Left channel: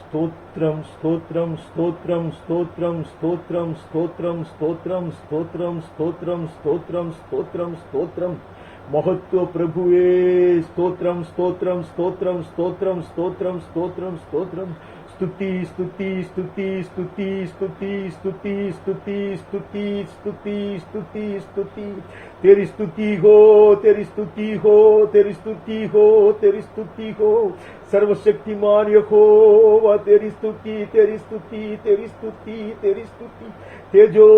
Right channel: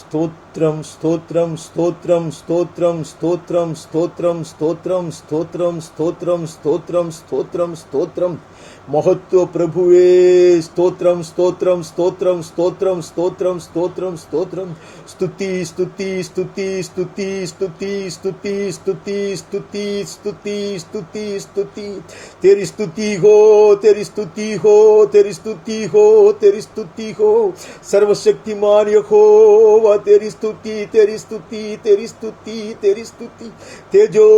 స్తోత్రం స్తోత్రం స్తోత్రం స్తోత్రం స్తోత్రం స్తోత్రం స్తోత్రం స్తోత్రం స్తోత్రం స్తోత్రం స్తోత్రం స్తోత్రం మహత్వ ప్రభువే స్తోత్రం స్తోత్రం స్తోత్రం స్తోత్రం స్తోత్రం స్తోత్రం స్తోత్రం స్తుతి స్తుతి స్తుతి స్తుతి స్తుతి స్తుతి స్తుతి స్తుతి స్తుతి స్తుతి స్తుతి तेरी स्तुति हो तेरी स्तुति हो तेरी स्तुति हो तेरी स्तुति हो सर्वशक्तिमान यहोवा तेरी स्तुति तेरी स्तुति तेरी स्तुति तेरी स्तुति तेजो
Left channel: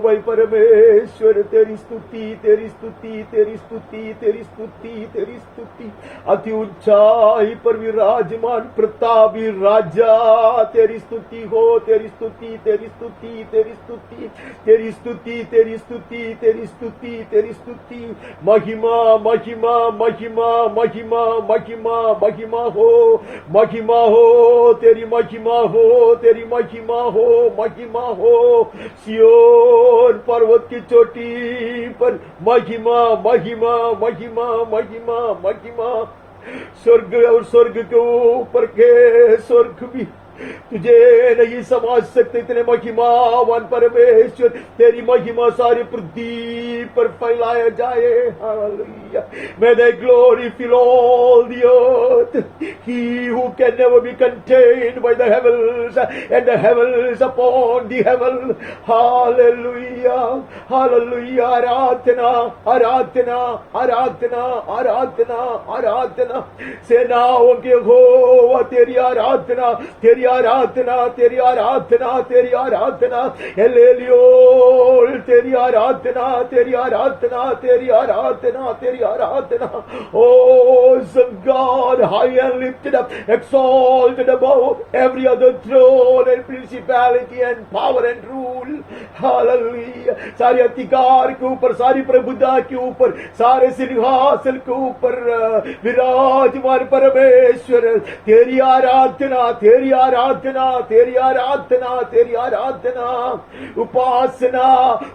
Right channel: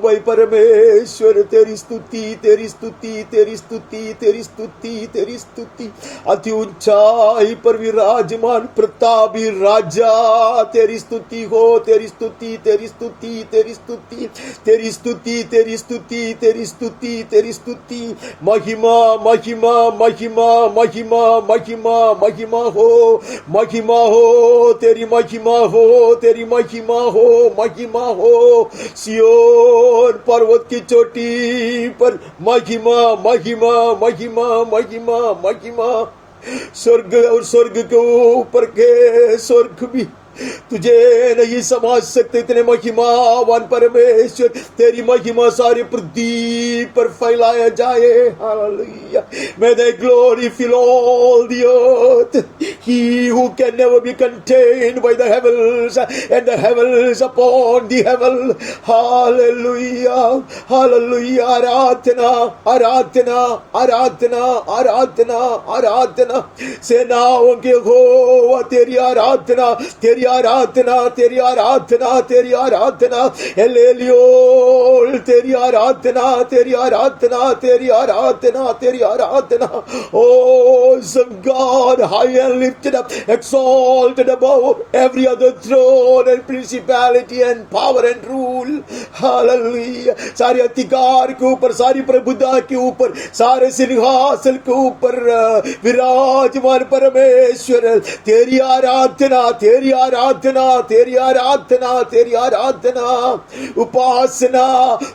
भाई परमेश्वर तेरी स्तुति तेरी स्तुति तेरी स्तुति तेरी स्तुति तेरी स्तुति अति ऊंचाई पर विराजमान प्रतापी राजा तेरी स्तुति हो तेरी स्तुति तेरी स्तुति तेरी स्तुति तेरी स्तुति तेरी स्तुति तेरी स्तुति तेरी स्तुति महिमा महिमा महिमा महिमा महिमा महिमा हो तेरी महिमा हो तेरी महिमा हो सियोन पर्वत की चोटी पर महिमा महिमा महिमा महिमा महिमा स्वर्ग और स्वर्ग के ऊपर के स्वर्ग भी तुझे नहीं समझ सकते इतने महिमावान परमेश्वर तेरी महिमा सारी पृथ्वी पर फैलाया जाए hallelujah may thy glory fill all the earth he who can never be contained by the heavens and the heavens upon the heaven hallelujah hallelujah आराधना आराधना आराधना आराधना आराधना सेनाओं के यहोवा तेरी आराधना तेरी आराधना तेरी आराधना तेरी आराधना एलेलियोल तेरी आराधना तेरी आराधना तेरी आराधना तेरी आराधना oh some God high and lifted up exalted above every other throne and principality and power and rule hallelujah सारे अधिकार के ऊपर सारी प्रभुता के ऊपर सारे सिंहासन के ऊपर विराजमान परमेश्वर तेरी आराधना तेरी आराधना तेरी आराधना तेरी आराधना उपासना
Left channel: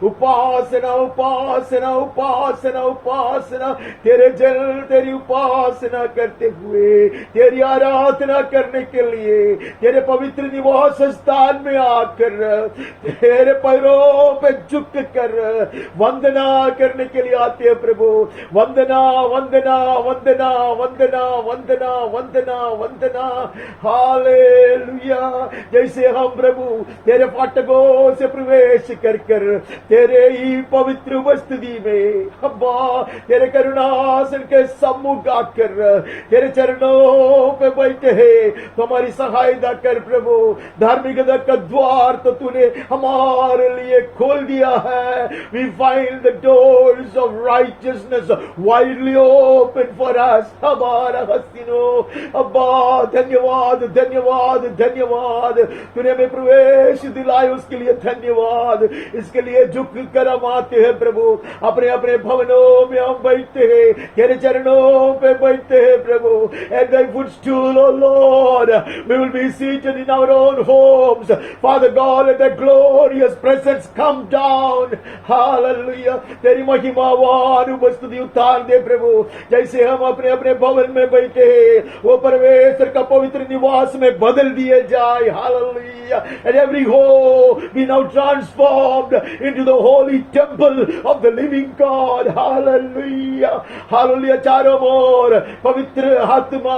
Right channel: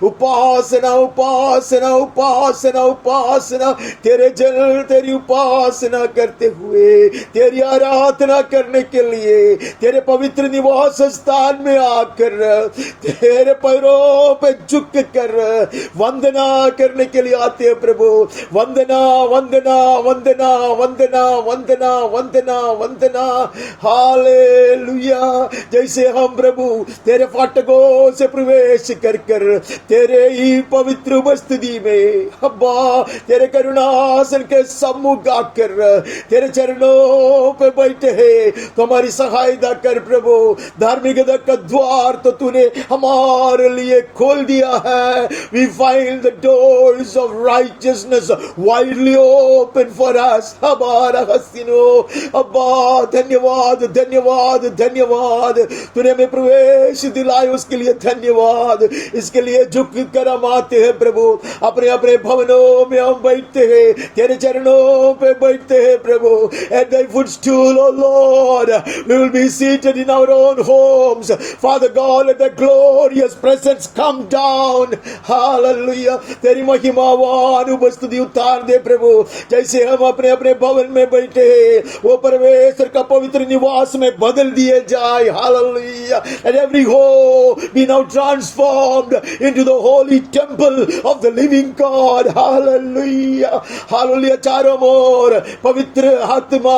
उपासना उपासना उपासना उपासना तेरे जन तेरी उपासना करते हुए तेरी आराधना करने के लिए तेरे पवित्र निवास स्थान में आकर तेरे पैरों पे झुक कर वंदना करने के लिए आते हैं प्रभु वंदना वंदना वंदना वंदना वंदना वंदना वंदना हालेलुया जैसे हम प्रभु तेरे फाटकों से प्रवेश कर कर तेरे ही पवित्र उपस्थिति में अब्बा तेरे करुणासन के सम्मुख आकर तेरे चरणों पे बैठे हैं तो हमारी सहायता कर प्रभु धार्मिकता का द्वार तो तूने हमारे लिए खोल दिया है we find the doors of righteousness widely open for us हमारा हसीनो अब्बा धन्यवाद धन्यवाद धन्यवाद तूने हमें प्रवेश दिलाए उसके लिए धन्यवाद इसके लिए झुक कर हम आते हैं प्रभु अपने अपने भवनों में हम बैठते हैं तेरे चरणों पे बैठते हैं प्रभु at thy footstool oh Lord we will be seated in our own homes Father God let the glorious presence come down hallelujah तेरी महिमावान उपस्थिति उतार दे प्रभु जैसे हम अपने अपने भवन में बैठे हैं वो परमेश्वर का पवित्र निवास में बदल दिए जाए hallelujah and every home be now transformed into the holy temple of the living God hallelujah hallelujah चारों ओर पवित्र आत्मा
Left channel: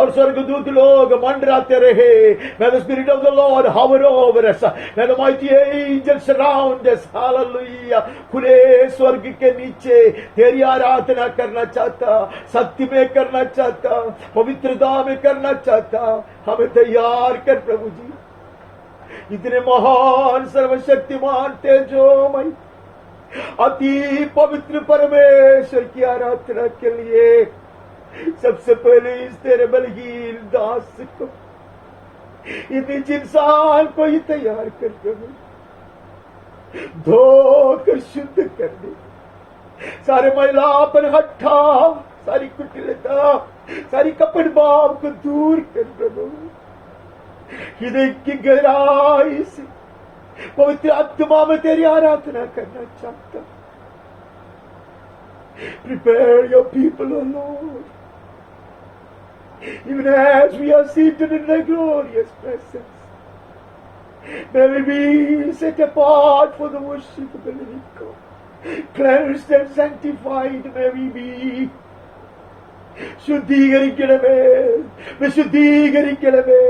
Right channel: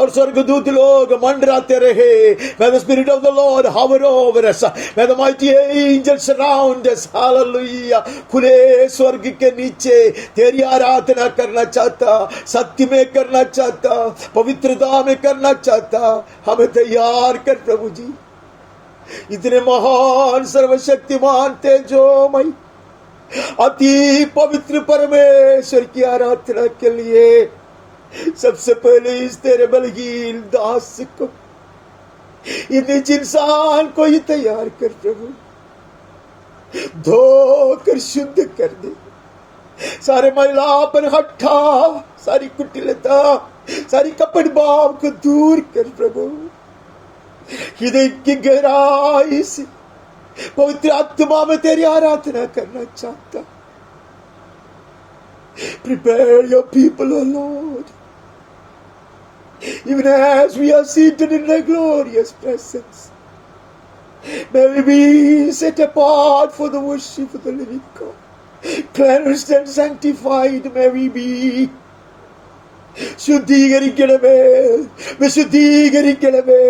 और स्वर्गदूत लोग मंडराते रहे may the spirit of the Lord hover over us may the mighty angels surround us hallelujah खुले स्वर्ग के नीचे तेरी आराधना करना चाहता सत्य में करना चाहता पवित्रता में करना चाहता हमें तैयार कर प्रभु जी इतने महान सर्वशक्तिमान तेजोमय अति पवित्र परमेश्वर की आराधना के लिए सबसे पहले इस तेरे बलहीन दास को इस इंसान को ही तैयार कर प्रभु धोकर शुद्ध कर दे सारे मैलापन हटा सारी कुटिलता सारी कपट भाव को दूर कर प्रभु हृदय की गहराई से पवित्र आत्मा में तेरी आराधना करना चाहता prepare your people O Lord Even as we are seated in the glorious presence, may we be set apart for the worship of the living God. Cleansed and sanctified may we be. ശുദ്ധീകരിക്കണമേ, വിശുദ്ധീകരിക്കണമേ.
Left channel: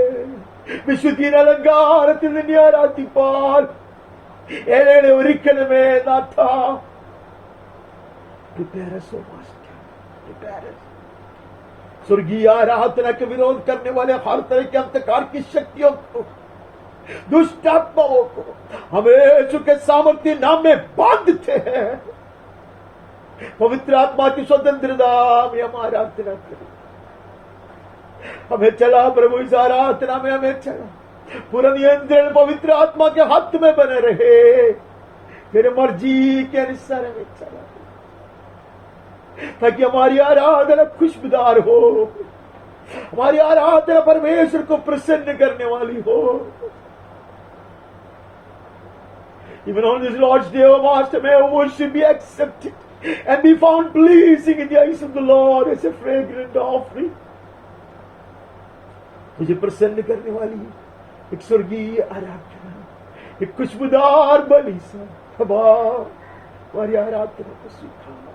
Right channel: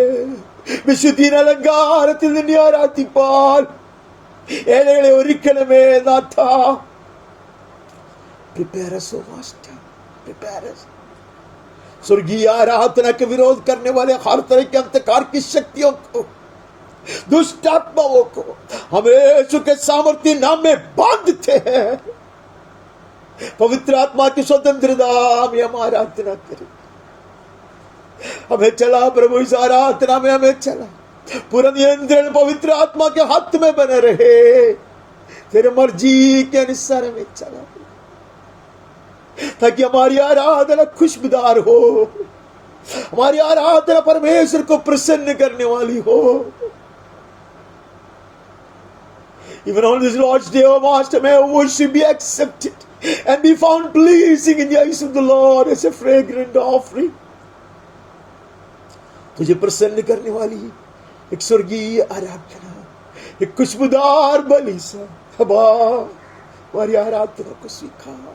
വിശുദ്ധിയുടെ അലങ്കാരത്തിൽ നിന്നെ ആരാധിപ്പാൻ ഏഴകളെ ഒരുക്കണമേ നാഥ. Prepare us, O Master. Prepare us. स्वर्गीय आराधना के विरोध करने वाले हर तरह के अंधकार की शक्तियों को, दुष्ट आत्माओं को हम यीशु के सामर्थ्य नाम में बांधते हैं. पवित्र आत्मा की स्वतंत्रता में हम आराधना करें. हमें चला प्रभु, इस आराधना में हमें चला. पूरा नियंत्रण पवित्र आत्मा के हाथ में बने रहे. तेरे मर्जी के अनुसार हमें चला, ताकि हमारी आराधना खुशबूदार हो, हमारी आराधना परमेश्वर को प्रसन्न करने वाली हो. Even on this Lord's Day, O Master, may our worship be accepted and be found pleasing in the eyes of the Lord as a fragrant offering. तुझे प्रसन्न करने वाली एक स्वर्गीय आराधना, एक खुशबूदार बलि से हमारी आराधना को स्वीकार.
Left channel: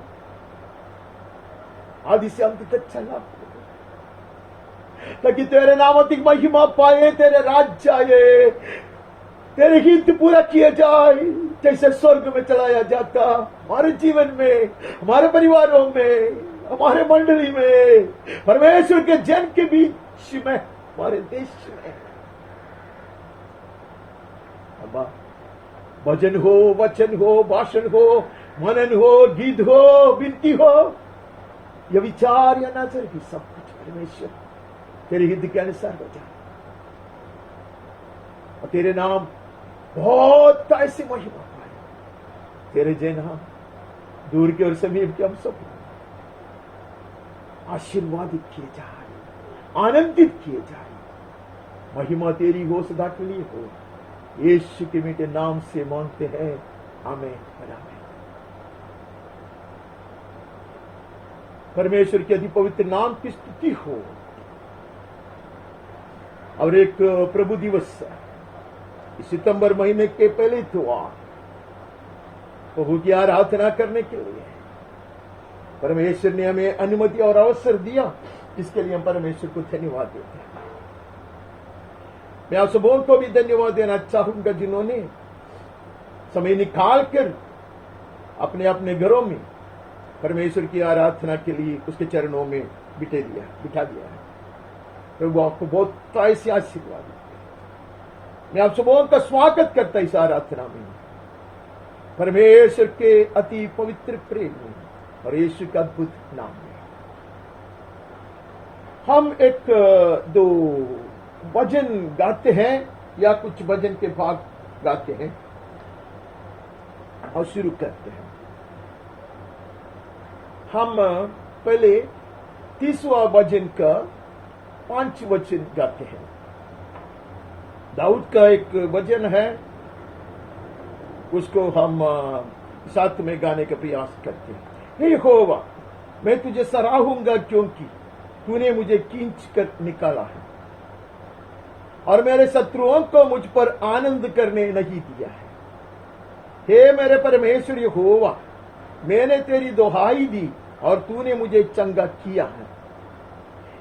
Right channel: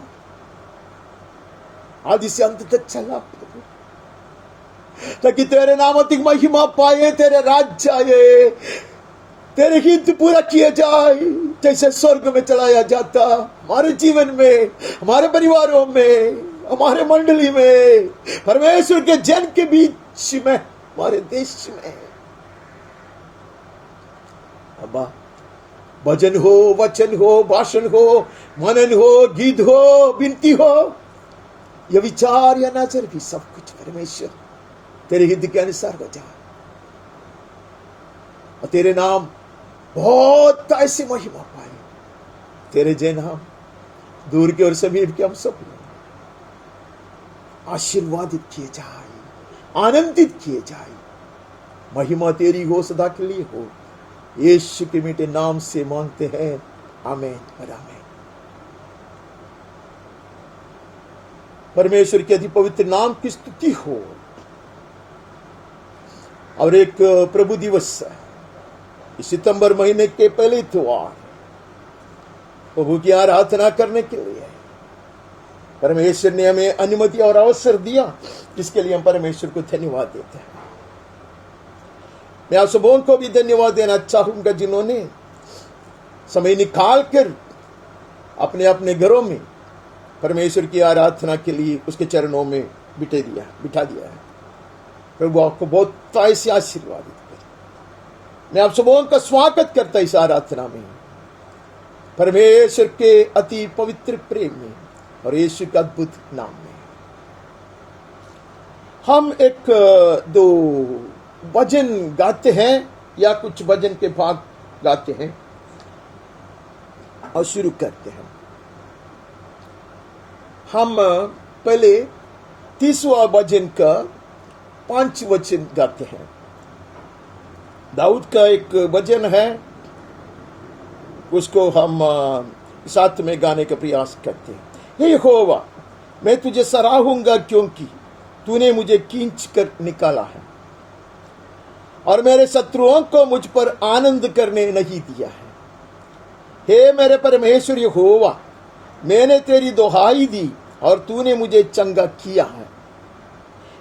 आदि से अंत तक चला प्रभु, ताकि तेरे नाम अधिक महिमा पाए, तेरे राज्य आए, तेरे हित पूरा किया जाए. जैसे स्वर्ग में चलाया जाता हमारे जीवन में, हमारे परिवारों में, हमारे मंडली में, परमेश्वर के जन के बीच में, हमारे देश में. अब्बा, भजन हो, वचन हो, भाषण हो, मनन हो, गीत हो, विनती हो, यह विचार या नजर भी सब कुछ परमेश्वर तेरे हित के अनुसार हो जाए, और तेरे नाम बहुत ऐसी महिमा पाए. तेरे जय नाम दूर के और समीप के हम सब आशीर्वादित किए जाए, आनंदित किए जाए. महिमा तेरी हो, सदा के लिए हो. यीशु के मीठे नाम से मांगते हैं, आमीन और आमीन. परमेश्वर के अति पवित्र नाम की स्तुति हो. और एक प्रभु दिवस सितंबर महीने के पहले इतवार प्रभु की आराधना करने के लिए परमेश्वर ने हमें अनुमति और अवसर दिया. इसके लिए हम परमेश्वर को धन्यवाद देते हैं. मैं आप सबों को भी धन्यवाद देना चाहूंगा जिन्होंने समय निकाल कर अपने अपने घरों में परमेश्वर की आराधना के लिए उसके चरणों में बिठा दिया है. प्रभु आपको बहुत ऐसे आशीर्वाद करे. मैं आप सबों का स्वागत करता इस आराधना में, परमेश्वर के अति पवित्र प्रेम में और यीशु का अद्भुत नाम में. हम एक दो भजन गाते हैं या कुछ भजन के भाग गाते हैं और शुरू करते हैं. हम पहले 30वां भजन का 5 वचन गाते हैं. दाऊद का एक भजन है, उसको हम साथ में गाने का प्रयास करते हैं. हे यहोवा, मैं तुझे सराहूंगा क्योंकि तूने मुझे खींच कर निकाला है और मेरे शत्रुओं को मुझ पर आनंद करने नहीं दिया है. हे मेरे परमेश्वर यहोवा, मैंने तेरी दुहाई दी और तूने मुझे चंगा किया है.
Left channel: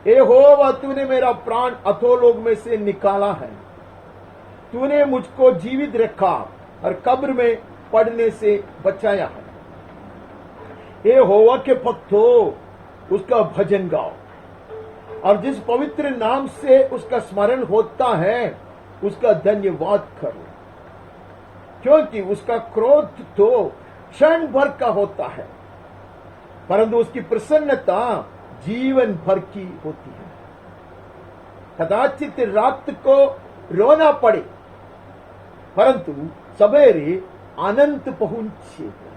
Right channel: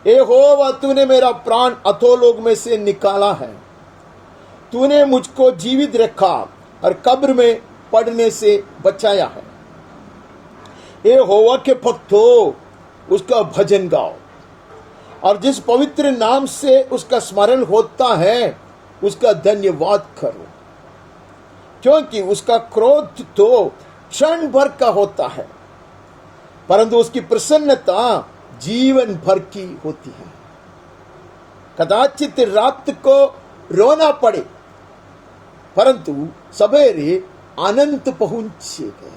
यहोवा, तूने मेरा प्राण अधोलोक में से निकाला है. तूने मुझको जीवित रखा और कब्र में पड़ने से बचाया है. यहोवा के भक्तों, उसका भजन गाओ और जिस पवित्र नाम से उसका स्मरण होता है उसका धन्यवाद करो, क्योंकि उसका क्रोध तो क्षण भर का होता है, परंतु उसकी प्रसन्नता जीवन भर की होती है. कदाचित रात को रोना पड़े, परंतु सवेरे अनंत पहुंचेगा.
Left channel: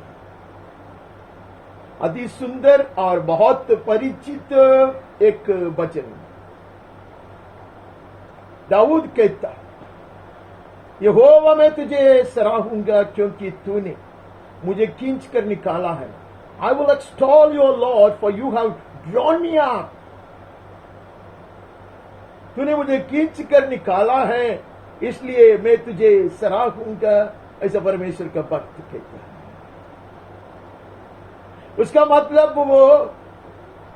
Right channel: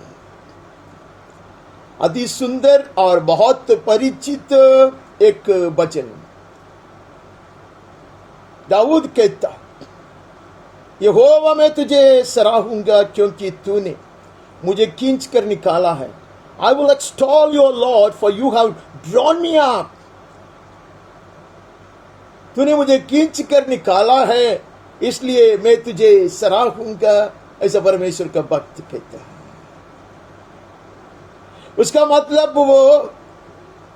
अति सुंदर और बहुत परिचित एक वचन. दाऊद कहता, यहोवा, मैं तुझे सराहूंगा क्योंकि तूने मुझे खींच कर निकाला है. I will extol your Lord, for you have drawn me up तूने मुझे खींच कर निकाला है, इसलिए मैं तुझे सराहूंगा, ऐसा परमेश्वर का भक्त कहता है। उसका मतलब वो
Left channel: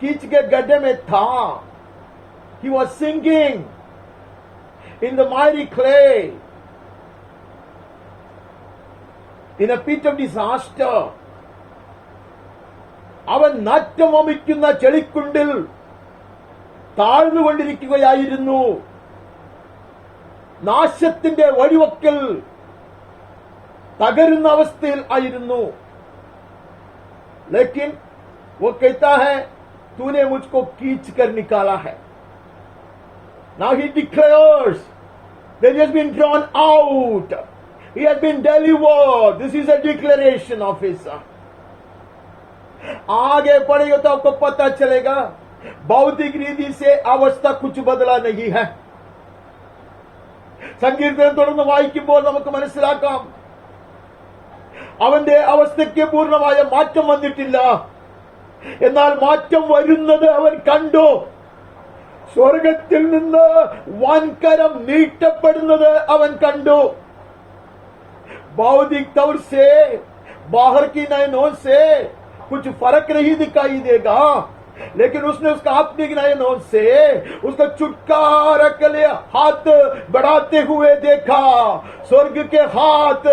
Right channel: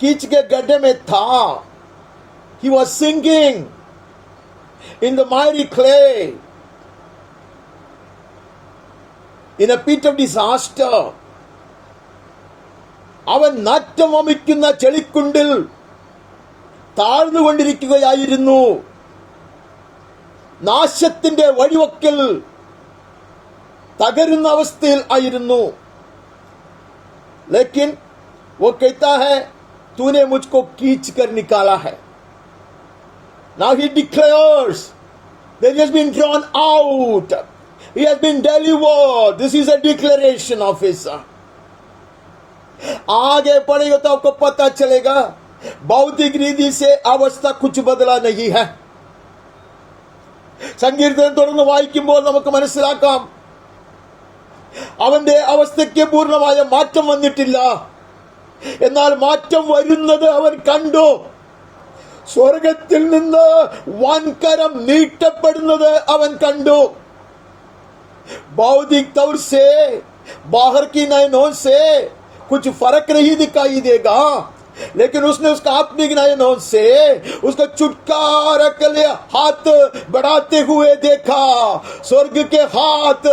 कीच के गड्ढे में था। He was sinking in the mighty clay, in a pit of disaster. അവൻ നാറ്റം വമിക്കുന്ന ചെളിക്കുണ്ടിൽ താഴ്ന്നുകൊണ്ടിരിക്കുകയായിരുന്നു, നാശത്തിന്റെ വഴിവക്കിൽ തകരുന്ന അവസ്ഥയിൽ ആയിരുന്നു. लेकिन वो कहता है तूने मुझको खींच कर निकाला है. Now he declares that he has been drawn out, he has been delivered. This is a declaration of his. आगे पढ़ेगा तो आपको पता चलेगा भौतिक रीति से अवस्था कुछ बदला नहीं है. സങ്കീർത്തനം തുടർന്ന് വായിക്കുമ്പോൾ നമുക്ക് മനസ്സിലാക്കാം അവന്റെ അവസ്ഥയ്ക്ക് പൂർണ്ണമായ മാറ്റം വന്നിട്ടില്ല. എന്നാൽ മാറ്റം വരുന്നത് അവൻ കണ്ടു. സ്വർഗത്തിൽ നിന്ന് വൻകരം നീട്ടപ്പെടുന്നത് അവൻ കണ്ടു. भौतिक तौर से बाहर की नयनों से कुछ फर्क नहीं दिखाई देगा, लेकिन उसने उसका अपनी नयनों से उसका छुटकारा के लिए हाथ बढ़ाते हुए देखा. स्वर्ग के हाथ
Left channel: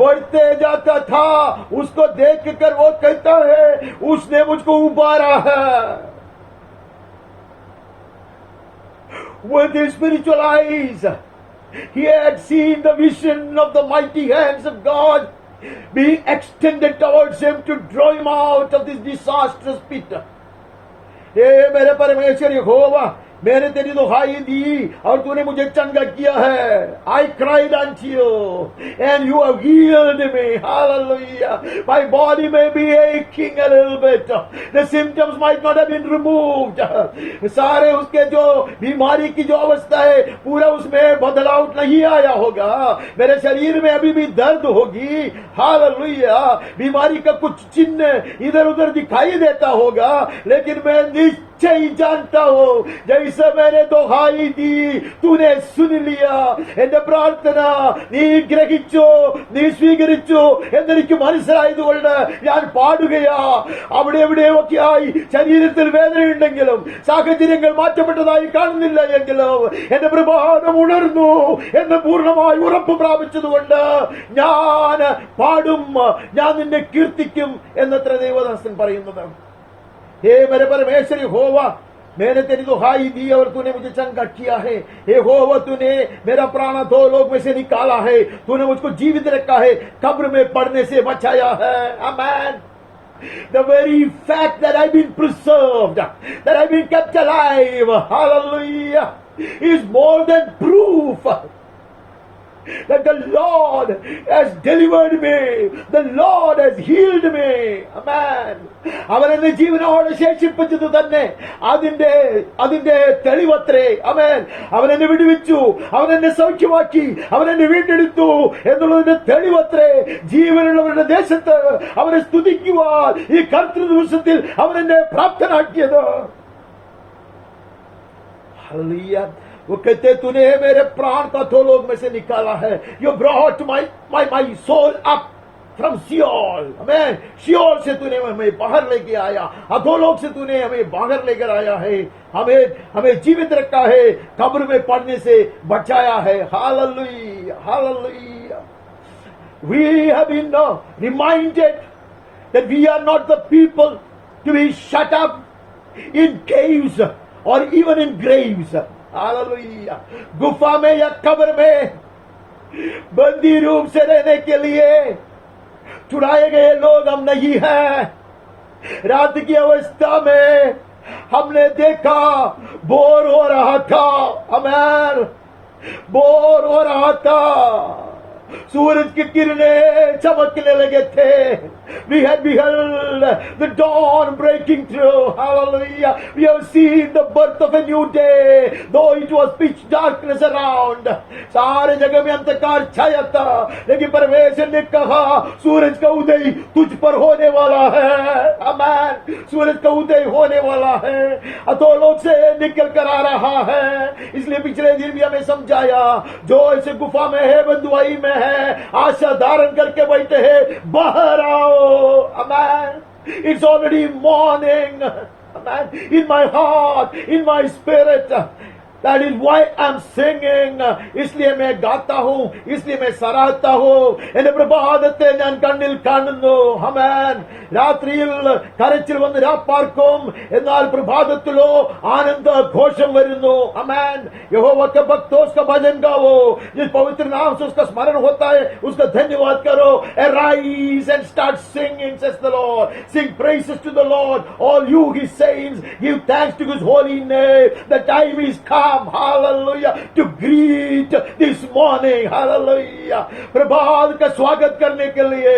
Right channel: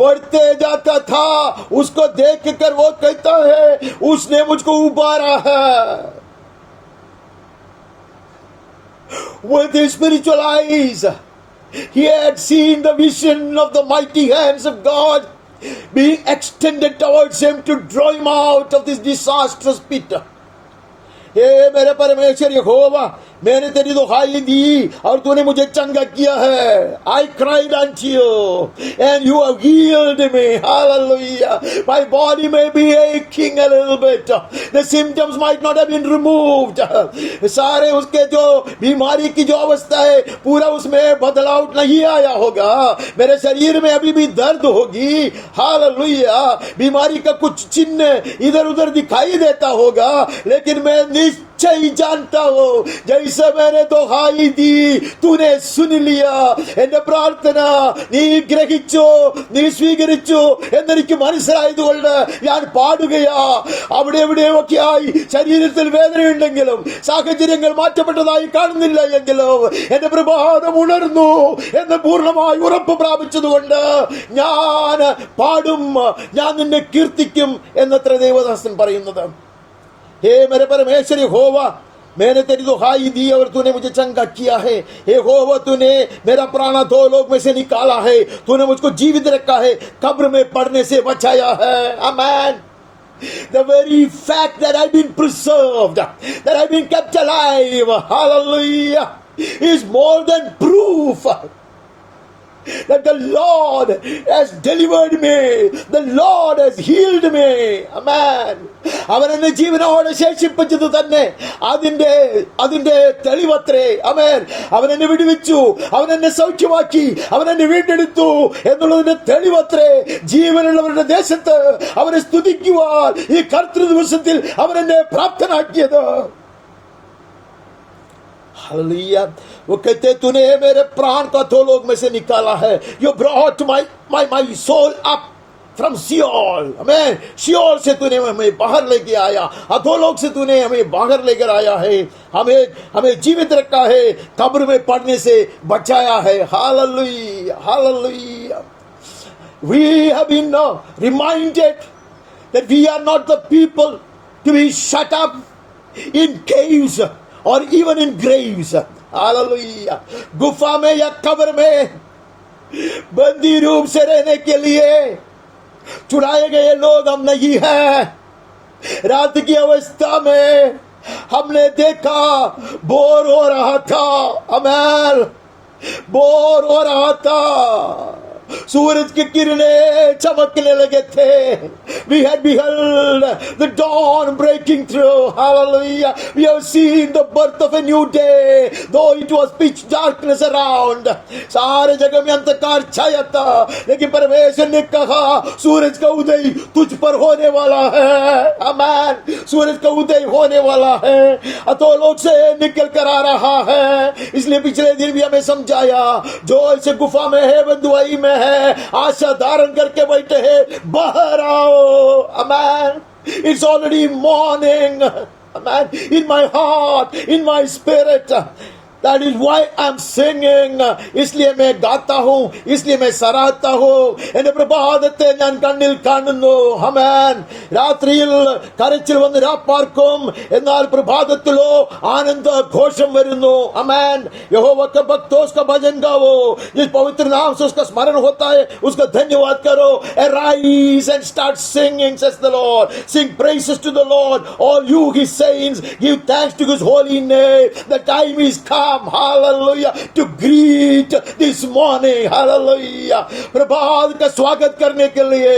बढ़ते जाता था. उसको देख कर वो कहता है उसने मुझको उबारा है. With his spiritual eyes, he had seen the vision of the mighty hands of God being extended towards him to draw him out of this disastrous pit. हे मेरे परमेश्वर यहोवा, मैंने तेरी दुहाई दी और तूने मुझे चंगा किया है. I cried unto you and you have healed me. Hallelujah. My body may be aching a little bit. The symptoms might not have been removed. सारे उसके जो बीमारी की जो अवस्था है पूरा उसमें बदलाव नहीं आया होगा. मेरे शरीर में अभी भी दर्द होगी. हालेलुया. बीमारी का कुछ चिन्ह इधर उधर दिखाई देता होगा, लेकिन मैं निश्चय जानता हूं जैसे मैंने दुहाई दी तूने सुन लिया. എന്റെ പ്രാർത്ഥന നീ ഗ്രഹിച്ചു, നീ സ്വീകരിച്ചു എന്നെനിക്ക് മനസ്സിലായതുകൊണ്ട് ഞാൻ പാടുകയാ. അവിടെ എവിടെയൊക്കെയായി ശരീരത്തിൽ വേദനയുണ്ടെങ്കിലും സാഹചര്യങ്ങൾ മാറ്റപ്പെട്ടതായി കാണുന്നില്ല എങ്കിലും എന്റെ പ്രഭാതം ഉണർന്നു എന്ന് പൂർണ്ണമായി ഉറപ്പ് പ്രാപിച്ചതുകൊണ്ട് ഞാൻ പാടും, ഞാൻ നിന്നെ കീർത്തിക്കും എന്നത്ര ദേവദാസൻ പറയുന്നത്. हे मेरे परमेश्वर यहोवा, मैंने तेरी दुहाई दी और तूने मुझे चंगा किया है. हे यहोवा, तूने मेरा प्राण दो लोग में से निकाला है. तूने मुझको जीवित रखा है, कब्र में पड़ने से बचाया है. आमीन. The very fact that I've been preserved, that I've been kept alive, hallelujah, is more than proof that the Lord has delivered me, the Lord has healed me. Amen. അവൻ എന്നെ ജീവനോടെ ശേഷിപ്പിച്ചത് തന്നെ അതിന്റെ തെളിവത്രേ. അമേൻ. അവൻ എന്നെ വിടുവിച്ചു, അവൻ എന്നെ സൗഖ്യമാക്കി, അവൻ എന്നെ വീണ്ടെടുത്തു എന്നുള്ളതിന്റെ തെളിവത്രേ. ജീവനുള്ളവരുടെ ദേശത്ത് അവനെ സ്തുതിക്കുവാൻ ഈ കർത്തൃ ദിവസത്തിൽ അവൻ എന്നെ പ്രാപ്തനാക്കിയത്. हालेलुया. वो कहते तूने मेरे प्राण को अधोलोक में से निकाला है. You brought my soul up from Sheol. आमीन. शियोल से तूने हमें बाहर लेके आया, अधोलोक से तूने हमें बाहर लेकर आया है, हमें जीवित रखा है, कब्र में पड़ने से बचाया है. Hallelujah. Hallelujah. We have been reminded that we are not the people to be shut up in caves or even in graves. Hallelujah. गुफा में या कब्र में बंदी रूप से रहने के लिए चुराए गए लोग हम नहीं हैं. रात की अवस्था में हमने देखा बोर हो रहा था. अमर बोर हो रहा था. सूरज की किरणें चमकने लगे थे. We had beheld the dawn breaking through. Hallelujah. We have seen the birth of a new day, though it was pitch darkness around. सारे जगह में अंधकार छाया था, लेकिन परमेश्वर ने कहा सूरज का उदय तुझ पर होने वाला है. आमीन. सूरज का उदय होने वाला है, अधोलोक से निकल कर आ रहा है. इसलिए पिछले दिन भी हमें समझाया, जो ऐसे गुफा में है, बंधुआई में है, आशा धारण करके बैठे हैं, बाहर आओ. Amen. It's already morning. Amen. In my heart, in my spirit. That is why I'm singing. इसलिए मैं गाता हूँ, इसलिए मैं सराहता हूँ. എന്റെ പ്രഭാതത്തെ ഞാൻ കണ്ണിൽ കാണുന്നു. ആമേൻ. രാത്രിയിൽ കരച്ചിൽ വന്ന് രാപ്പാർക്കും, എന്നാൽ പ്രഭാതത്തിലോ ആനന്ദ ഘോഷം വരുന്നു. ആമേൻ. यहोवा के भक्तों उसका भजन गाओ, जिस पवित्र नाम से उसका स्मरण होता है उसका धन्यवाद करो. Arise and start singing, says the Lord. Sing praises to the Lord, all you his saints. Give thanks to his holy name. The time is come. Hallelujah, to greet this morning. Hallelujah. प्रभात का स्वागत करने के लिए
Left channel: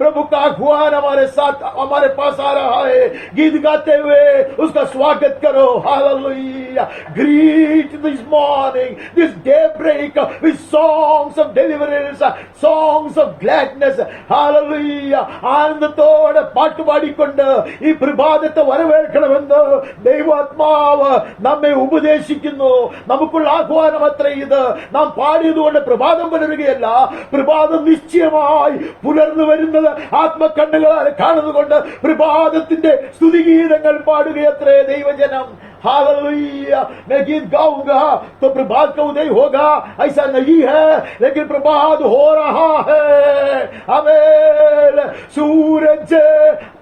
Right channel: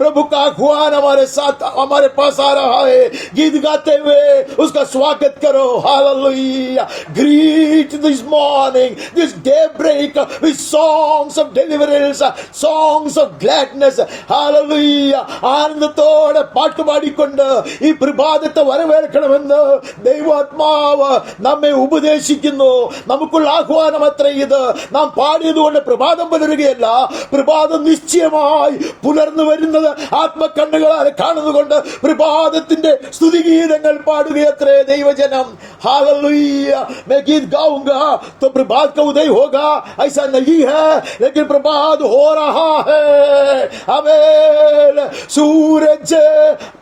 प्रभु का आह्वान हमारे साथ, हमारे पास आ रहा है. गीत गाते हुए उसका स्वागत करो. Hallelujah. Greet this morning, this daybreak with songs of deliverance, songs of gladness. Hallelujah. ആനന്ദത്തോടെ പാട്ട് പാടിക്കൊണ്ട് ഈ പ്രഭാതത്തെ വരവേൽക്കണമെന്ന് ദൈവാത്മാവ് നമ്മെ ഉപദേശിക്കുന്നു. നമുക്കുള്ള ആഹ്വാനം അത്ര ഇത്. നാം പാടിയതുകൊണ്ട് പ്രഭാതം പുലരുകയല്ല, പ്രഭാതം നിശ്ചയമായി പുലർന്നു വരുന്നത് ആത്മകണ്ണുകളാൽ കാണുന്നുകൊണ്ട് പ്രഭാതത്തിന്റെ സ്തുതിഗീതങ്ങൾ പാടുകയത്രേ ദൈവജനം. हालेलुया. मैं गीत गाऊंगा तो प्रभात का उदय होगा ऐसा नहीं है, लेकिन प्रभात हो रहा है. आमीन. सूरज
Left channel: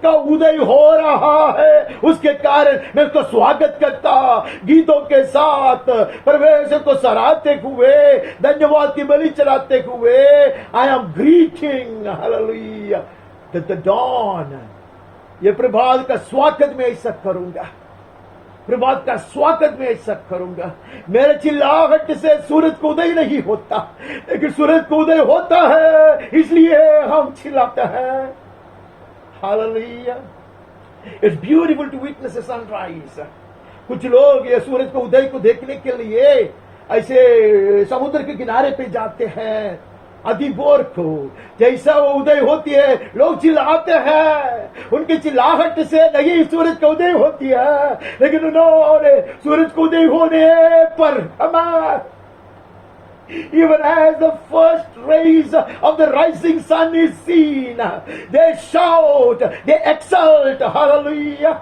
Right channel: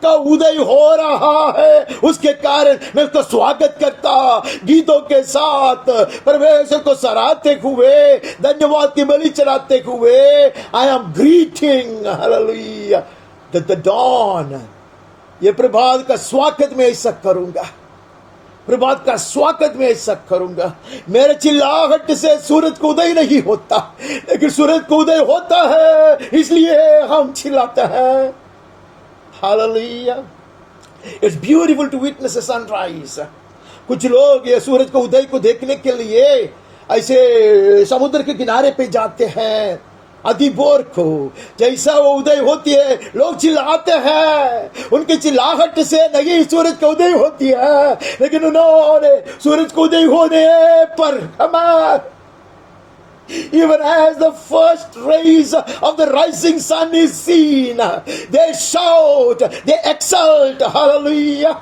का उदय हो रहा है, उसके कारण मैं उसका स्वागत करता गीतों के साथ, परमेश्वर को सराहते हुए, धन्यवाद की बलि चढ़ाते हुए, I am greeting hallelujah the dawn. ये प्रभात का स्वागत मैं ऐसा करूंगा, प्रभात का स्वागत में ऐसा करूंगा. मेरे चिल्लाहट से सूरज को उदय नहीं होता, लेकिन सूरज को उदय होता है, इसलिए हम चिल्लाते हैं. Hallelujah. It's beautiful to witness a sunrise. कुछ लोग ये सूरज को उदय को देखने के लिए ऐसे समुद्र के किनारे पे जाते हैं. अधिभोर को जैसा वो उदय होती है लोग चिल्लाते हैं. उनकी चिल्लाहट से नहीं सूरज का उदय होती है, लेकिन उन्होंने सूरज को उदय होने पर even as the first rays of the rising sun is seen, they shout, they exult. Hallelujah.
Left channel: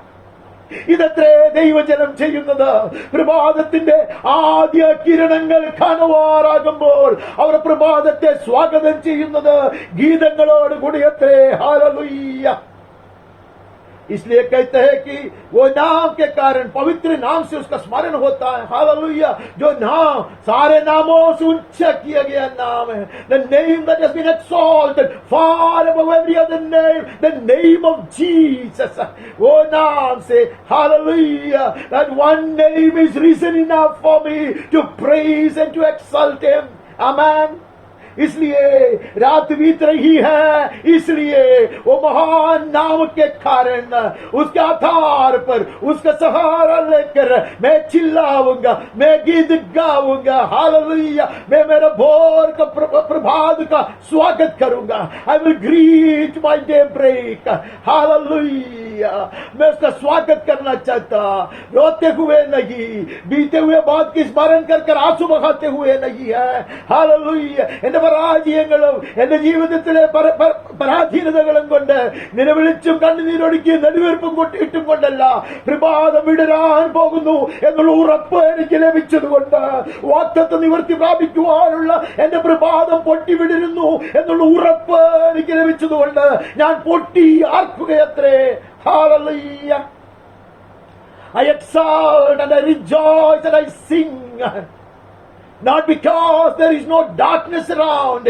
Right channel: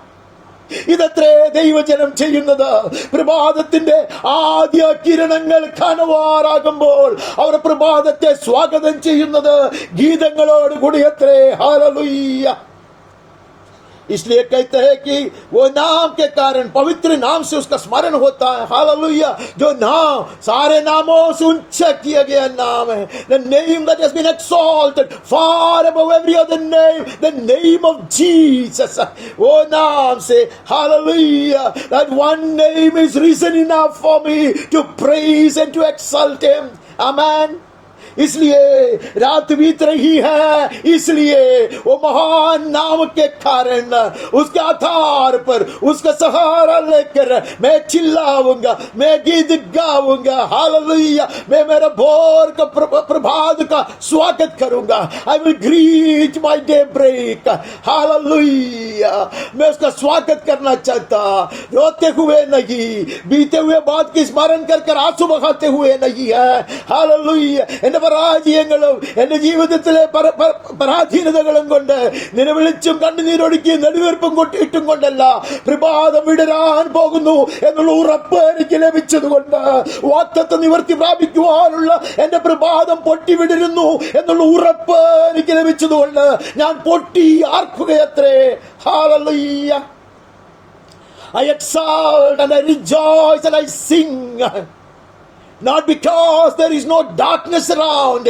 ഇതത്രേ ദൈവജനം ചെയ്യുന്നത്. പ്രഭാതത്തിന്റെ ആദ്യ കിരണങ്ങൾ കാണുവാറാകുമ്പോൾ അവർ പ്രഭാതത്തെ സ്വാഗതം ചെയ്യുന്നത് ഗീതങ്ങളോട് കൂടിയത്രേ. ഹല്ലേലൂയ. इसलिए कहते हैं कि वो नाम के कारण, पवित्र नाम से उसका स्मरण होता है. हालेलुया. जो नाम सारे नामों से ऊंचा किया गया नाम है. The name that has been exalted far above every other name, the name of Jesus. वो नाम से hallelujah, that one name is reason enough for me to praise and to exalt him. Amen. इसलिए रात बीत रही है, इसलिए वो महान नाम के कारण उसके आधार पर उसका सहारा लेकर मैं चिल्लाऊंगा, मैं गीत गाऊंगा. हालेलुया. मैं मेरा भोर का प्रभात का स्वागत करूंगा. I will greet my daybreak. Hallelujah. मैं उसका स्वागत करना चाहता, रोते हुए नहीं, बीते हुए बात की स्मरण कर आंसू बहाते हुए नहीं है. हालेलुया. പരാജയങ്ങളും എന്റെ ജീവിതത്തിലെ പരാധീനതകളും കൊണ്ട് നിലവിളിച്ചും കണ്ണുനീരൊഴുക്കി നെടുവീർപ്പും ഇട്ടും കൊണ്ടല്ല, പ്രഭാതം വിടരാൻ പോകുന്നു എന്നുള്ള ഉറപ്പ് എനിക്ക് ലഭിച്ചതുകൊണ്ട്, വാഗ്ദത്തം നിവർത്തി പ്രാപിക്കുവാനുള്ള എന്റെ പ്രഭാതം പൊട്ടി വിടരുന്നു എന്നുള്ള ഉറപ്പ് എനിക്ക് ലഭിച്ചതുകൊണ്ട് ഞാൻ പൊട്ടി ആർക്കുകയത്രേ. Hallelujah. I exalt and I rejoice and I sing. Not because there is no darkness around,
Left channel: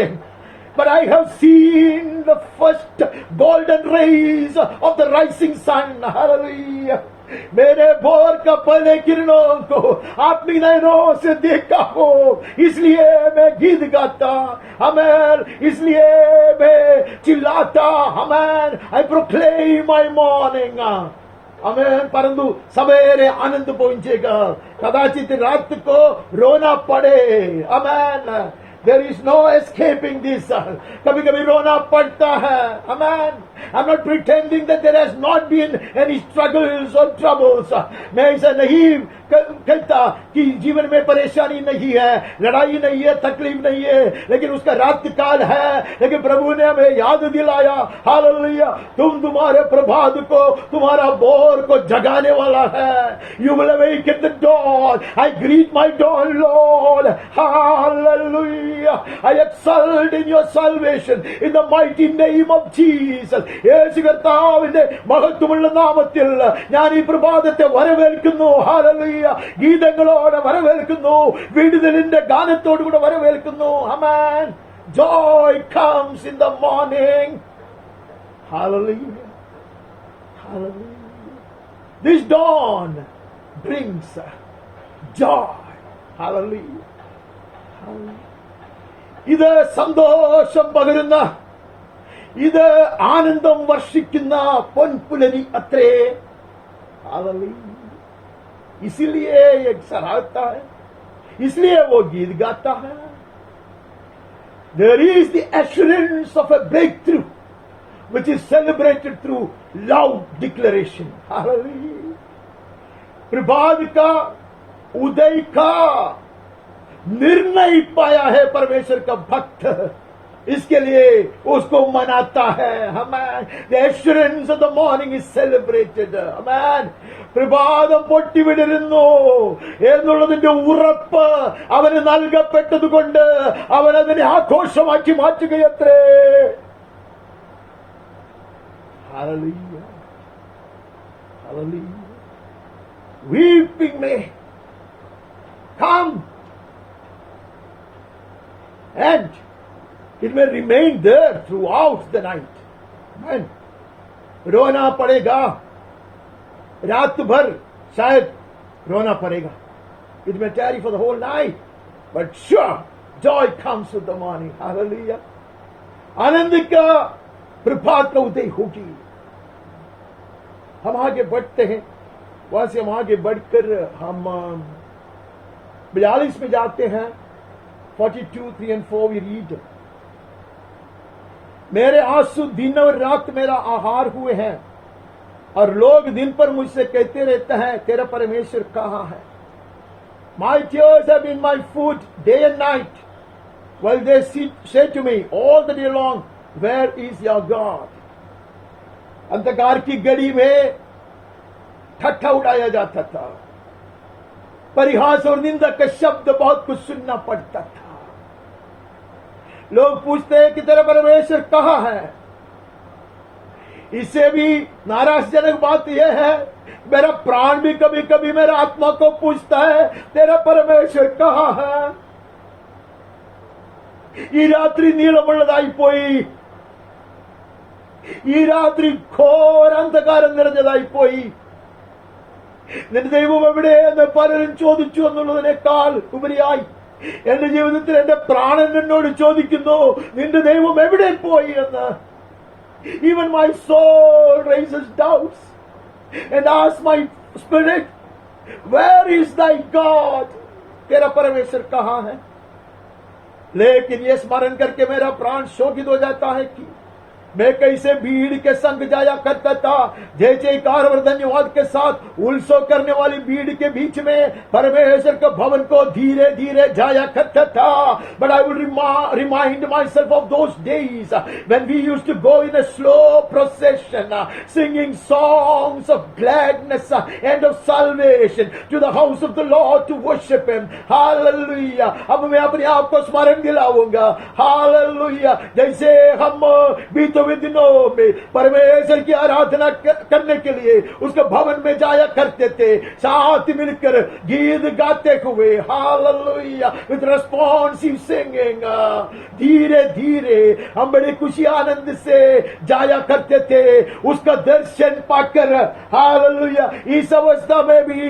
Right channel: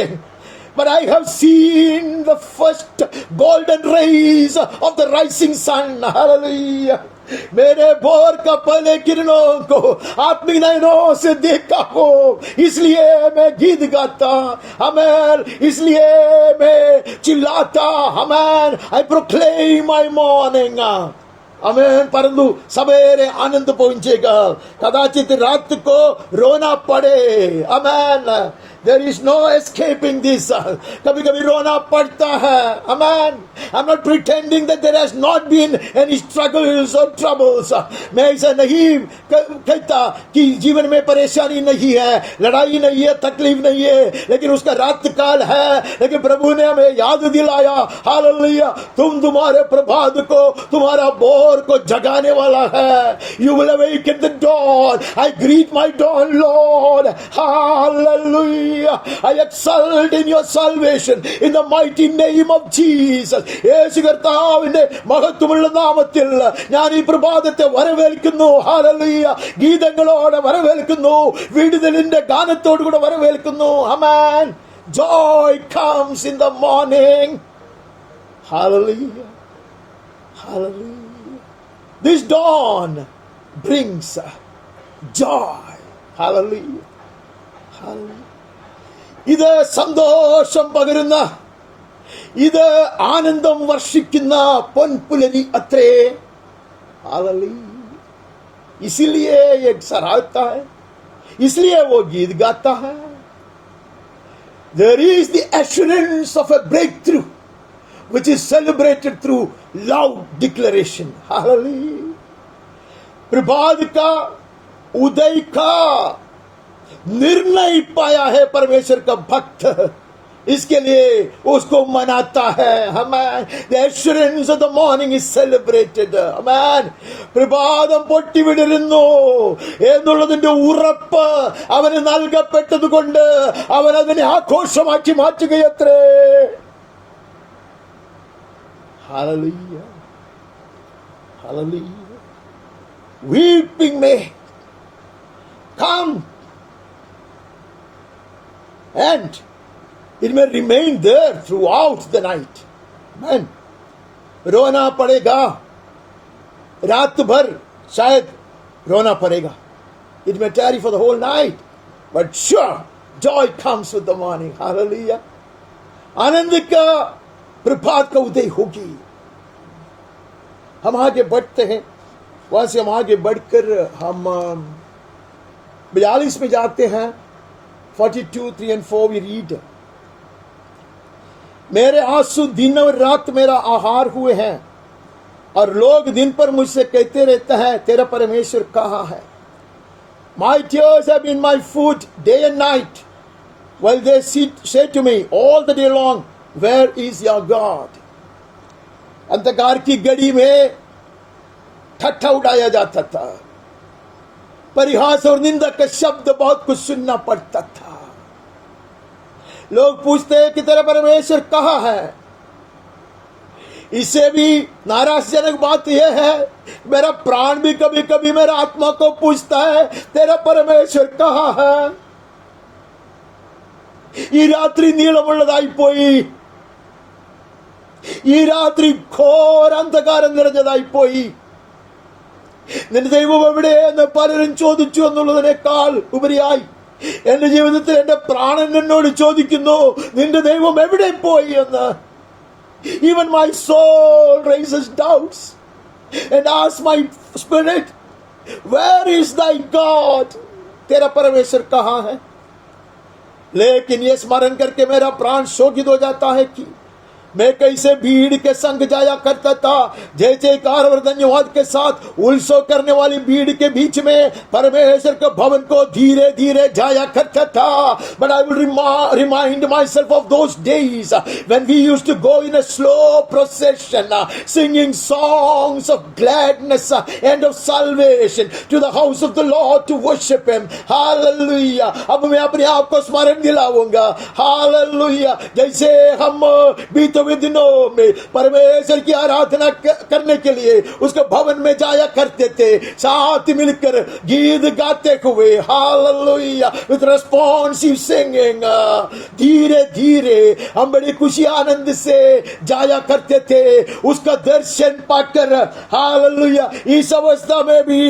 but I have seen the first golden rays of the rising sun. Hallelujah. मेरे भोर का पहले किरणों को आत्मिक नयनों से देखा हो, इसलिए मैं गीत गाता, आमेन, इसलिए मैं चिल्लाता, आमेन, आई प्रोक्लेम माय मॉर्निंग, आमेन। परंतु सवेरे आनंद पहुंचेगा, कदाचित रात को रोना पड़े, आमेन, there is no escaping this, कभी कभी रोना पड़ता है, amen। I'm not pretending that there has not been any struggles or troubles, मैं ऐसा नहीं कहता कि जीवन में परेशानी नहीं है, लड़ाई नहीं है, तकलीफ नहीं है, लेकिन उसका रात काल है। लेकिन प्रभु ने हमें याद दिलाया, हालेलुया, तुम्हारे प्रभात को, तुम्हारा भोर को जगाने वाला है। You will awaken the dawn, I greet my dawn, Lord, hallelujah, I exult in your salvation in the mighty name of Jesus. യേശു കർത്താവിന്റെ മഹത്വമുള്ള നാമത്തിൽ ഞാൻ ഈ പ്രഭാതത്തെ വരവേൽക്കുന്നു, ഹല്ലേലൂയ, ഗീതങ്ങളോടെ വരവേൽക്കുന്നു, വിടുതലിന്റെ ഗാനത്തോടുകൂടെ വരവേൽക്കുന്നു, ആമേൻ। Joy comes in the morning, hallelujah, hallelujah. This dawn brings joy, hallelujah, hallelujah. ഇത് സന്തോഷം പകരുന്ന, ഇത് ആനന്ദം വർഷിക്കുന്ന പൊൻപുലരി അത്രേ, हालेलुया। इसीलिए एक सराहता है, इसलिए वो गीत गाता है। There is the assurance of a breakthrough which is celebrated through loud declaration, hallelujah। प्रभात का, उदय का निर्णय पाया है परमेश्वर का भक्त, इसके लिए उसको मनाता है, हमें the assurance of the morning is celebrated, amen। പ്രഭാതം പൊട്ടിവിടരുന്നു എന്നുള്ളതിന്റെ ഉറപ്പ് അവന് നൽകപ്പെട്ടത് കൊണ്ട് അവൻ അതിനെ ആഘോഷമാക്കി മാറ്റുകയത്രേ, hallelujah, hallelujah। Weeping may come and it may remain there throughout the night, amen। रोना पड़ेगा, रात भर शायद रोना पड़ेगा, it may tarry for the whole night, but sure joy comes with the morning, hallelujah। आनंद का प्रभात का उदय होगी। हम आगे बढ़ते हैं, वहां से हम आगे बढ़कर हम 42 में जाते हैं, 42, 3 and 4 we read, मेरे आंसू दिन और रात मेरा आहार हुए हैं, और लोग दिन पर मुझसे कहते रहते हैं, तेरा परमेश्वर कहाँ है। My tears have been my food day and night, while they say to me all the day long, where is your God। अंधकार की घड़ी में ठट्ठा उड़ाया जाता था, परिहास और निंदा का शब्द बहुत कुछ सुनना पड़ता था। लोग पूछते हैं कि तेरा परमेश्वर कहाँ है। इससे भी नाराजजनक बात यह है, मेरा प्राण भी कभी कभी मेरा आत्मा को पूछता है, तेरा परमेश्वर कहाँ है। ഈ രാത്രി നീളമുള്ളതായി പോയി, ഈ രാത്രി ഘോര അന്ധകാരം നിറഞ്ഞതായി പോയി। നിന്റെ ദൈവം എവിടെയെന്ന് പലരും ചോദിച്ചു എന്നുള്ളതിനേക്കാൾ ഉപരിയായി എന്റെ ജീവിതത്തിൽ എന്റെ പ്രാണൻ എന്നോട് ചോദിക്കുന്നു, നിന്റെ ദൈവം എവിടെ പോയി എന്ന്। Even my soul raises doubts and asks my spirit, where is thy God। तेरा परमेश्वर कहाँ है। लेकिन ये स्मरण करके मेरा प्राण शोकित हो जाता है कि मैं कैसे भीड़ के संग जाया करता था, जय जयकार और धन्यवाद के साथ उत्सव करने वाली भीड़ के बीच में परमेश्वर के भवन को धीरे धीरे जाया करता था। But I will remind myself of those days when we used to go in a slow procession, singing songs of gladness and of salvation to the house of the Lord to worship Him, hallelujah। अब मैं अपने आप को स्मरण दिलाऊंगा, hallelujah। जैसे हम बीतों वास्तविक दिनों में परमेश्वर की आराधना करने के लिए उसके भवन में जाया करते थे, साथ मिलकर गीत गाते हुए, हालेलुया, विद रेस्पॉन्सिव सिंगिंग। धीरे धीरे हम बड़ी खुशी आनंद से जाया करते थे उसका दर्शन पाकर। हालेलुया, इस अवस्था में भी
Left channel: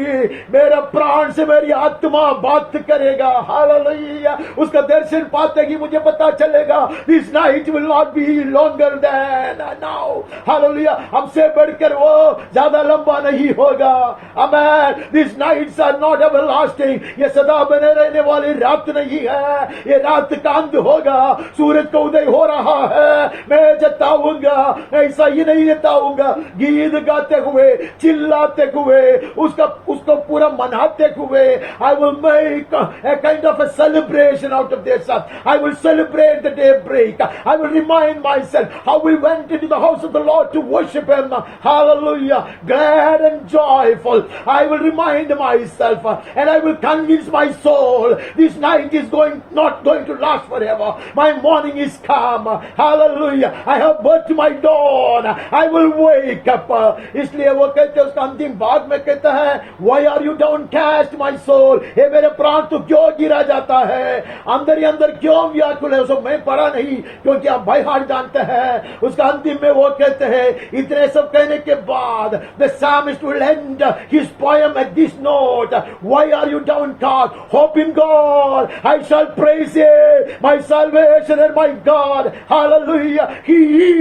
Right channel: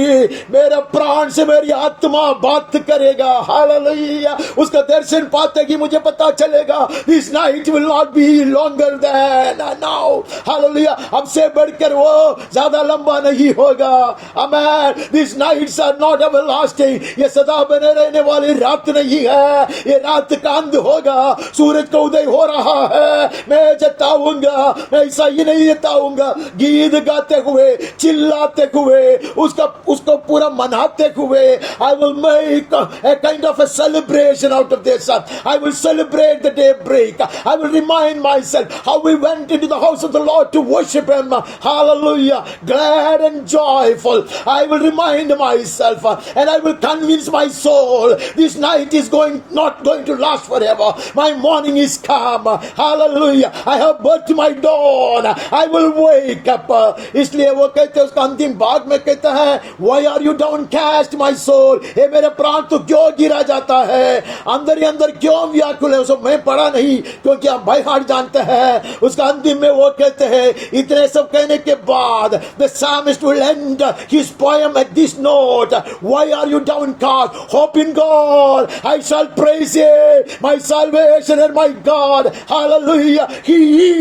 मेरा प्राण से मेरी आत्मा बात करेगा। हालेलुया, उसका दर्शन पाते कि मुझे पता चलेगा this night will not be longer than now. हालेलुया, अब से बढ़कर वो ज्यादा लंबा नहीं होगा। आमेन। This nights are not everlasting, ये सदा बने रहने वाली रात नहीं है, ये रात का अंत होगा। सूरज का उदय हो रहा है, मैं जताऊंगा, ऐसा ही नहीं जताऊंगा, गीत गाते हुए, चिल्लाते हुए, उसको पूरा मनाते हुए। I will make a kind of a celebration out of this. I will celebrate the daybreak. I will remind myself how we went into the house of the Lord to worship Him. Hallelujah. Glad and joyful. I will remind myself and I will convince my soul this night is not going to last forever. My morning is come. Hallelujah. I have birthed my dawn. I will wake up. इसलिए वो कहते हैं, उसका अंतिम भाग में कहता है, Why are you downcast my soul? हे मेरे प्राण तो क्यों गिरा जाता है, अंदर ही अंदर क्यों व्याकुल है। उसको मैं पढ़ा नहीं क्योंकि आप बाय हार्ट जानते हैं। उसका अंतिम में वो कहते हैं, इतने सब कहने के बाद the psalmist will end his poem at this note, Why are you downcast? Hope in God. I shall praise Him, my salvation and my God. Hallelujah. He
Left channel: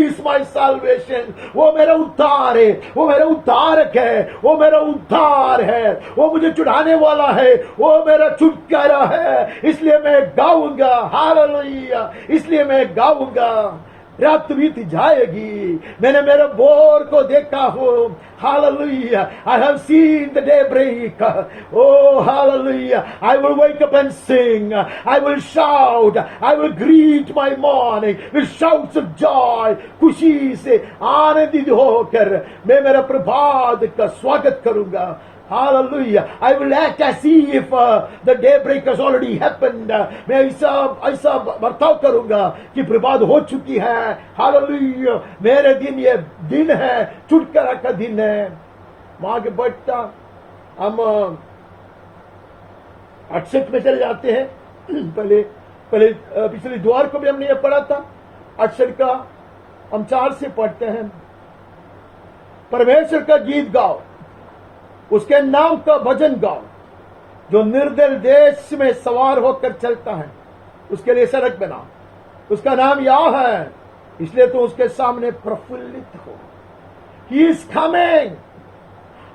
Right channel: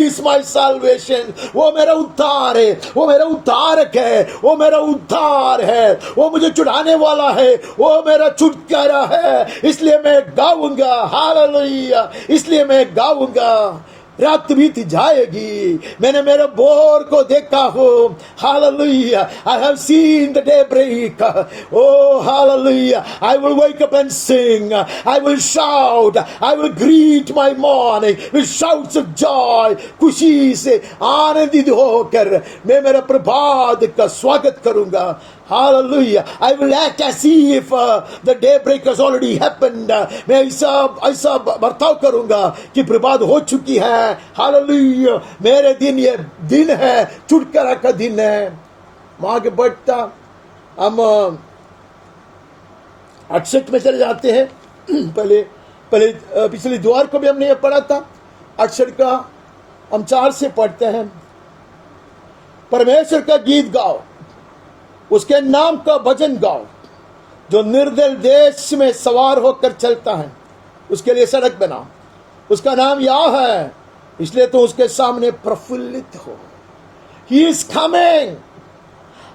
is my salvation. वो मेरा उद्धार है, वो मेरा उद्धारक है, वो मेरा उद्धार है, वो मुझे छुड़ाने वाला है, वो मेरा छुटकारा है। इसलिए मैं गाऊंगा। हालेलुया, इसलिए मैं गाऊंगा। रात बीत जाएगी, मैंने मेरे बोर को देखा हो। Hallelujah, I have seen the daybreak. Oh, hallelujah. I will wake up and sing. I will shout. I will greet my morning with shouts of joy. खुशी से आनंदित होकर मैं मेरे प्रभात का स्वागत करूंगा। Hallelujah. I will act as if the daybreak has already happened. मैं ऐसा बर्ताव करूंगा कि प्रभात हो चुकी है। Hallelujah. मेरे दिन ये दिन है, छुटकारा का दिन है। वहां आगे बढ़ता हम 68 में चले जाते हैं। पहले पिछले द्वार को भी हमने ये पढ़ा था। 68 का हम 4 से पढ़ते हैं। परमेश्वर का गीत गाओ, उसके नाम का भजन गाओ, जो निर्दल देश में सवार होकर चलता है, उसके लिए सड़क बनाओ। उसका नाम याह है, इसलिए तो उसके सामने प्रफुल्लित हो। He is coming.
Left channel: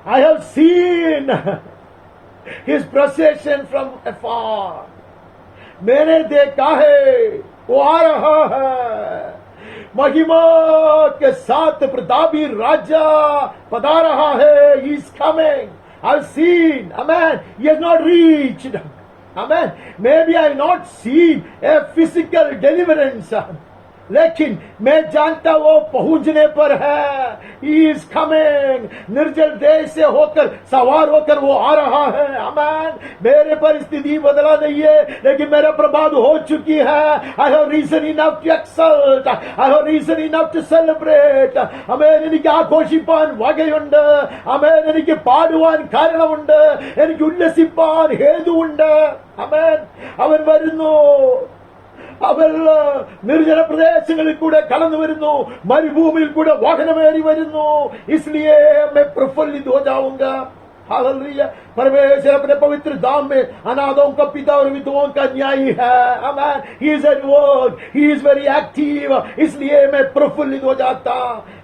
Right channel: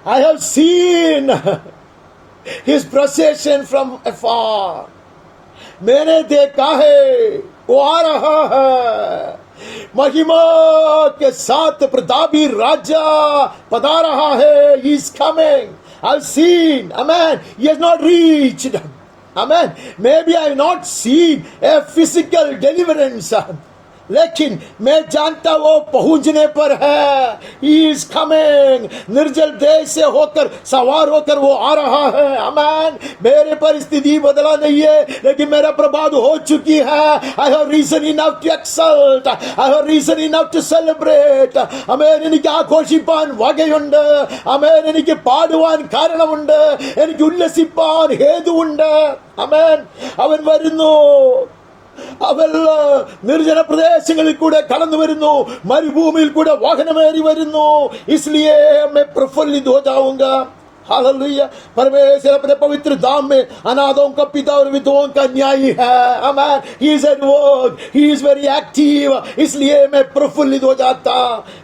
I have seen his procession from afar. मैंने देखा है, वो आ रहा है, महिमा के साथ प्रतापी राजा पधार रहा है। He is coming. I've seen. Amen. He has not reached. Amen. Maybe I have not seen a physical deliverance. लेकिन मैं जानता वो पहुंचने पर है। He is coming. निर्जल देश से होकर सवार होकर वो आ रहा है। आमीन। मेरे परिस्थिति बदला नहीं है, लेकिन मेरा प्रभात हो चुकी है। I have reason enough to exult. I have reason enough to celebrate. ആമേൻ। എനിക്ക് ആഘോഷിപ്പാൻ വകയുണ്ട്. ആമേൻ। എനിക്ക് പാടുവാൻ കാരണമുണ്ട്. എനിക്ക് ഉല്ലസിപ്പാൻ ഹേതുവുണ്ട്. ആമേൻ। അവൻ വരുന്നു। അവൻ നിർജ്ജന പ്രദേശങ്ങളിൽ കൂടെ കടന്നു വരുന്നു, മരുഭൂമിയിൽ കൂടെ വാഹനമേറി വരുന്നു। इसलिए मैं प्रफुल्लित हो जाऊंगा। हालेलुया। परमेश्वर अपने पवित्र धाम में अनाथों का पिता और विधवाओं का न्यायी है। आमीन। He is at work. He is very active. इसलिए मैं प्रफुल्लित हो जाता।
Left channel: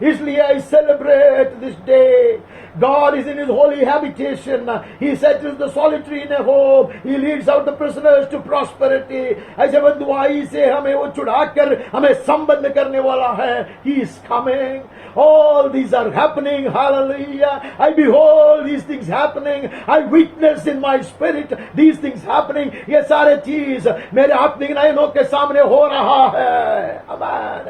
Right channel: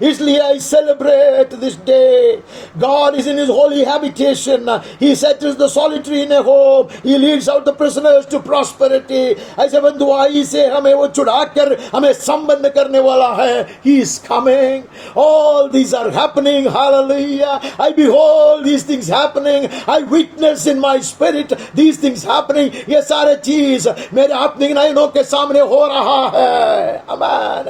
इसलिए I celebrate this day. God is in His holy habitation. He settles the solitary in a home. He leads out the prisoners to prosperity. ऐसे बंधुआई से हमें वो छुड़ाकर हमें संबंध करने वाला है। He is coming. All these are happening. Hallelujah. I behold these things happening. I witness in my spirit these things happening. ये सारे चीज मेरे आत्मिक नयनों के सामने हो रहा है. Amen.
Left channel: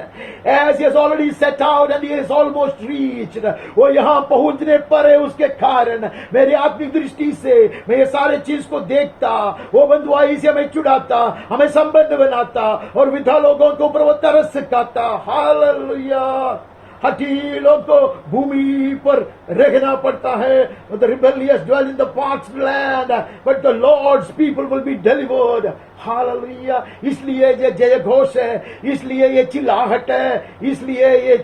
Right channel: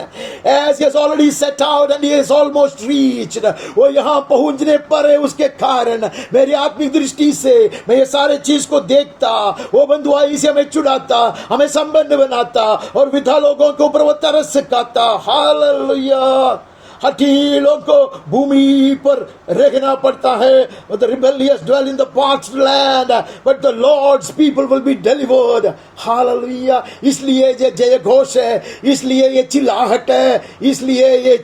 As he has already set out and he has almost reached, वो यहाँ पहुंचने पर है, उसके कारण मेरी आत्मिक दृष्टि से मैं ये सारे चीज को देखता, वो बंधुआई से हमें चुड़ाता, हमें संबंध बनाता और विधा लोगों के ऊपर वो तरस सिखाता. हालेलुया. हठीलों को भूमि पर रहना पड़ता है. The rebellious dwell in the parched land, but the Lord's people will be delivered. Hallelujah. इसलिए ये जय घोष है, इसलिए ये चिल्लाहट है, इसलिए ये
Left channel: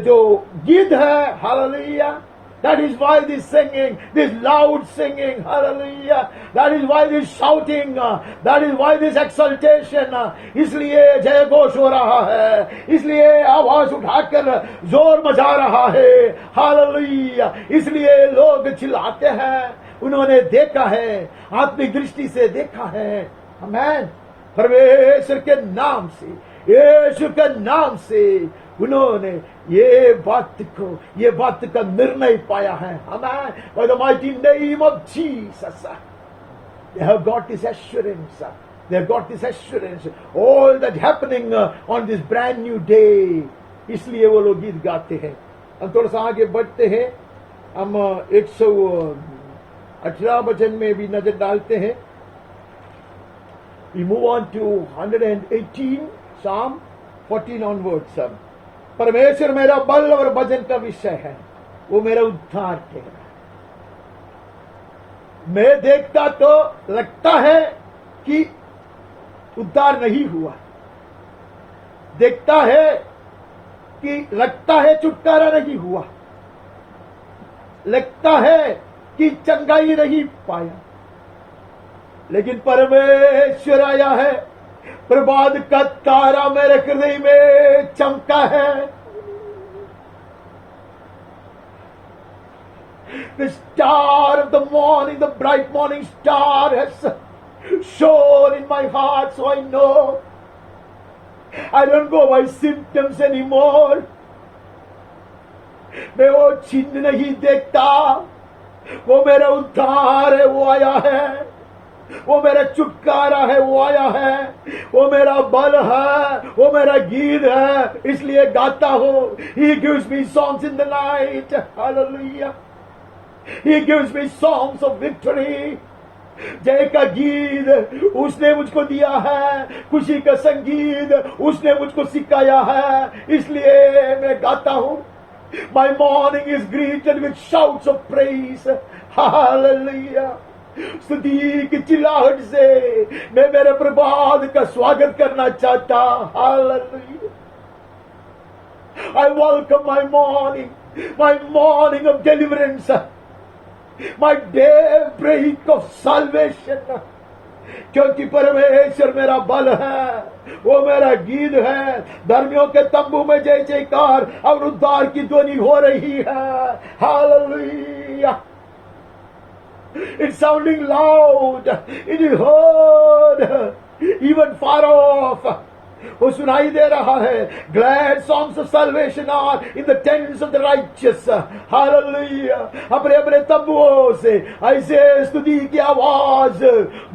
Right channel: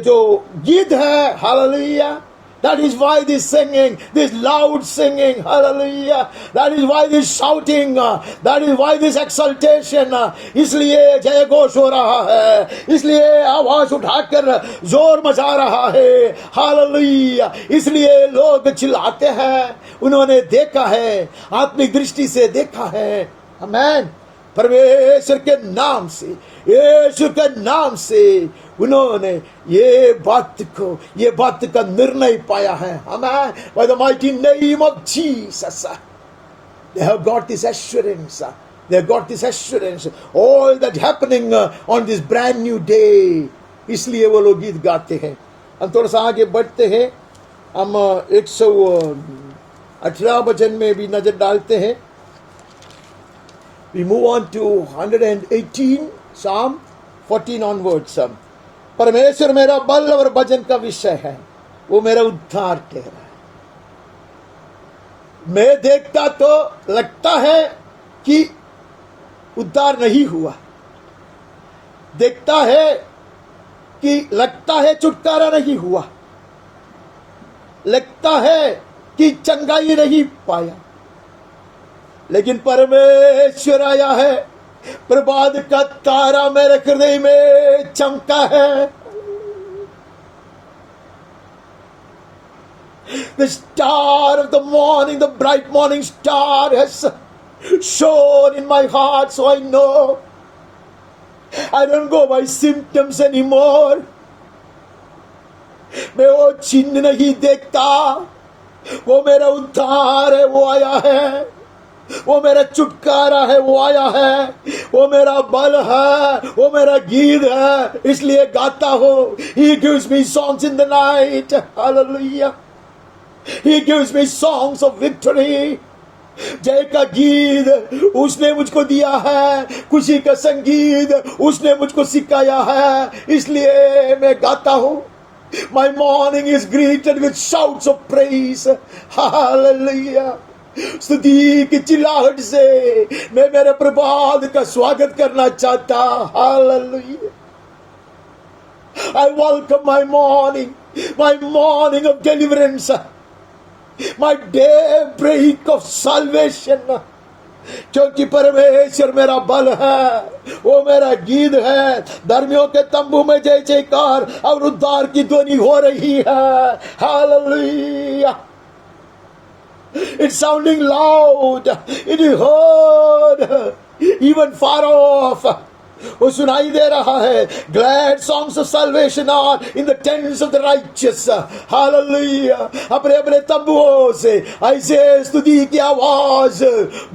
जो गीत है. Hallelujah. That is why this singing, this loud singing, hallelujah. That is why this shouting, that is why this exaltation. इसलिए जय घोष हो रहा है, इसलिए आवाज उठाकर जोर मचा रहा है. हालेलुया. इसलिए लोग चिल्लाते हैं. उन्होंने देखा है, आत्मिक दृष्टि से देखा है. आमेन. परमेश्वर के नाम से, यीशु के नाम से उन्होंने ये बात का निर्णय पाया है. Amen. By the mighty name of Jesus, they have got this assurance. They have got this assurance. All that happening on this brand new day. इसलिए वो लोग गीत गाते हैं. हम थोड़ा सा आगे बढ़ते हैं. हम 118 वचन में भी नजर डालते हैं. We move on to 118, Psalm 14 onwards. परमेश्वर मेरा बल और भजन का विषय है, वो मेरा उद्धार ठहरा. मैं देखता तो लगता है कि उद्धार नहीं हुआ, देखता है कि लगता है छुटकारा नहीं हुआ, लगता है कि चंगाई नहीं पाया, लेकिन परमेश्वर आया है. प्रभात का तारा मेरे हृदय में चमका है. The star of the morning, the bright morning star has shone in my heart, so I know I don't go by symptoms anymore. मैं वो चिन्ह नहीं देखता. वो मेरा उद्धार है, वो आया है. वो मेरा छुटकारा है, वो आया है. वो मेरा बल है, वो मेरा गीत है, इसलिए गाता हूं. He gives me songs in the night. Hallelujah. He gives me songs of victory. जय का गीत उसने मुझको दिया है, खुशी का संगीत उसने मुझको सिखाया है, इसलिए मैं गाता हूं. My morning is greeted with shouts of praise. Hallelujah. स्तुति की चिल्लाहट से मैं मेरे प्रभात का स्वागत करना चाहता. Hallelujah. I welcome my morning of deliverance, my daybreak of salvation. क्योंकि परमेश्वर मेरा बल है, वो मेरा गीत है. धर्मियों के तंबू में जय जयकार और उद्धार की ध्वनि हो रही है. Hallelujah. It's sounding loud. It is heard even far off. वो सुनाई दे रहा है. Glad songs of salvation are in the tents of the righteous. Hallelujah. अपने अपने तंबुओं से ऐसे स्तुति की आवाज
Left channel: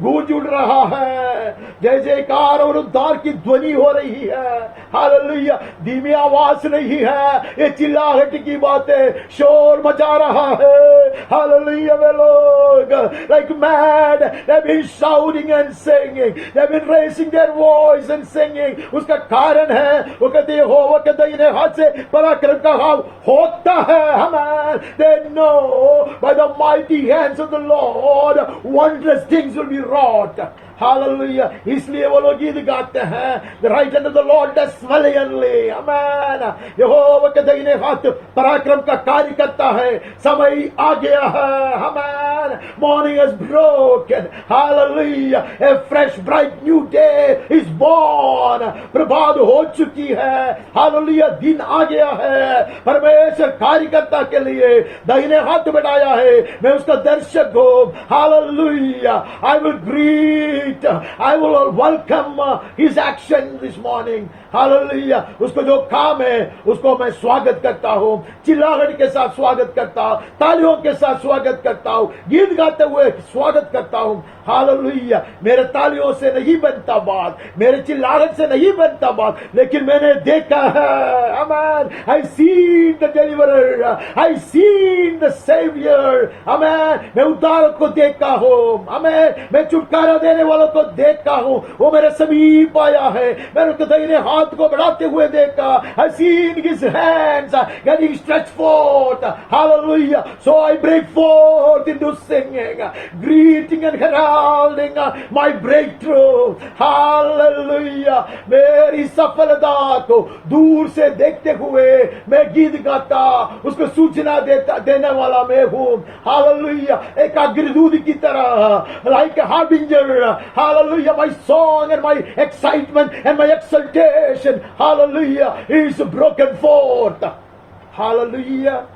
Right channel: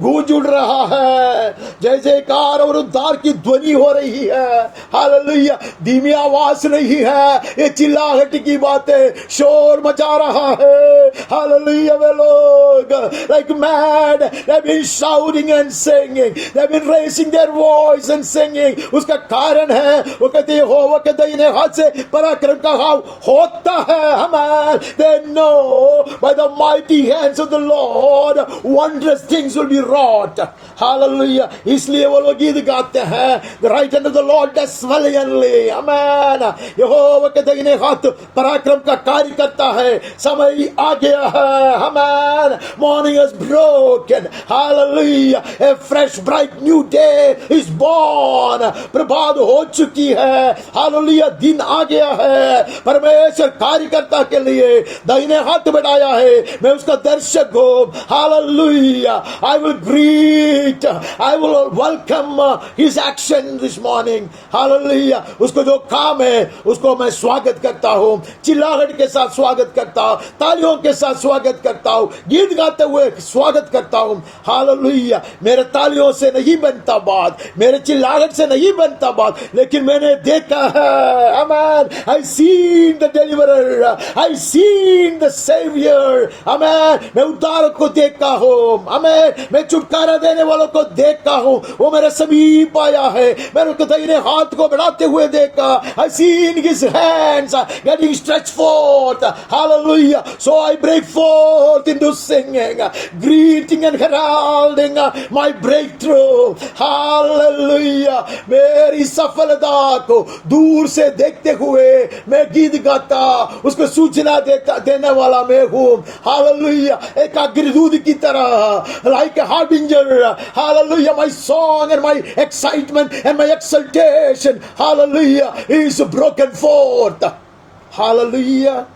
गूंज उड़ रहा है. जय जयकार और उद्धार की ध्वनि हो रही है. Hallelujah. धीमी आवाज नहीं है, ये चिल्लाहट की बातें, शोर मचा रहा है. Hallelujah. वे लोग like mad, they've been shouting and singing, they've been raising their voice and singing. उसका कारण है, वो कहते हैं यहोवा के दाहिने हाथ से पराक्रम का भाव होता है. हमें they know by the mighty hands of the Lord wondrous things will be wrought. Hallelujah. इसलिए वो लोग गीत गाते हैं. The right hand of the Lord does valiantly. Amen. यहोवा के दाहिने हाथ पराक्रम का कार्य करता है. समय आ गया है. Amen. Morning has broken. Hallelujah. A fresh bright new day is born. प्रभात हो चुकी है, हालेलुया, दिन आ गया है। परमेश्वर कार्यकर्ता के लिए दाहिने हाथ बढ़ाया है, मैं उसका दर्शक हूं, hallelujah. I will greet, I will welcome his action this morning, hallelujah. उसको जो काम है उसको मैं स्वागत करता हूं, चिल्लाहट के साथ स्वागत करता हूं, तालियों के साथ स्वागत करता हूं, गीत गाते हुए स्वागत करता हूं, हालेलुया। मेरे तालियों से नहीं बनता बात, मेरे चिल्लाहट से नहीं बनता बात, लेकिन मैंने देखा है, आमेन, I seen the deliverer, I seen the saviour, आमेन। मैं उद्धारक को देखा हूं, आमेन। मैं छुटकारा देने वालों को देखा हूं, वो मेरे समीप आया है, मैंने उसके दाहिने हाथ को बढ़ाते हुए देखा, I seen his hands getting stretched forth, hallelujah. So I break forth into singing, greeting and heralding my breakthrough, hallelujah. मेरी सफलता को दूर से देखते हुए मैं गीत गाता, उसको सूचना देने वाला मैं हूँ, hallelujah. एक अग्रदूत की तरह, like a harbinger, hallelujah. My song and my excitement and my exultation, hallelujah, is broken forth, hallelujah.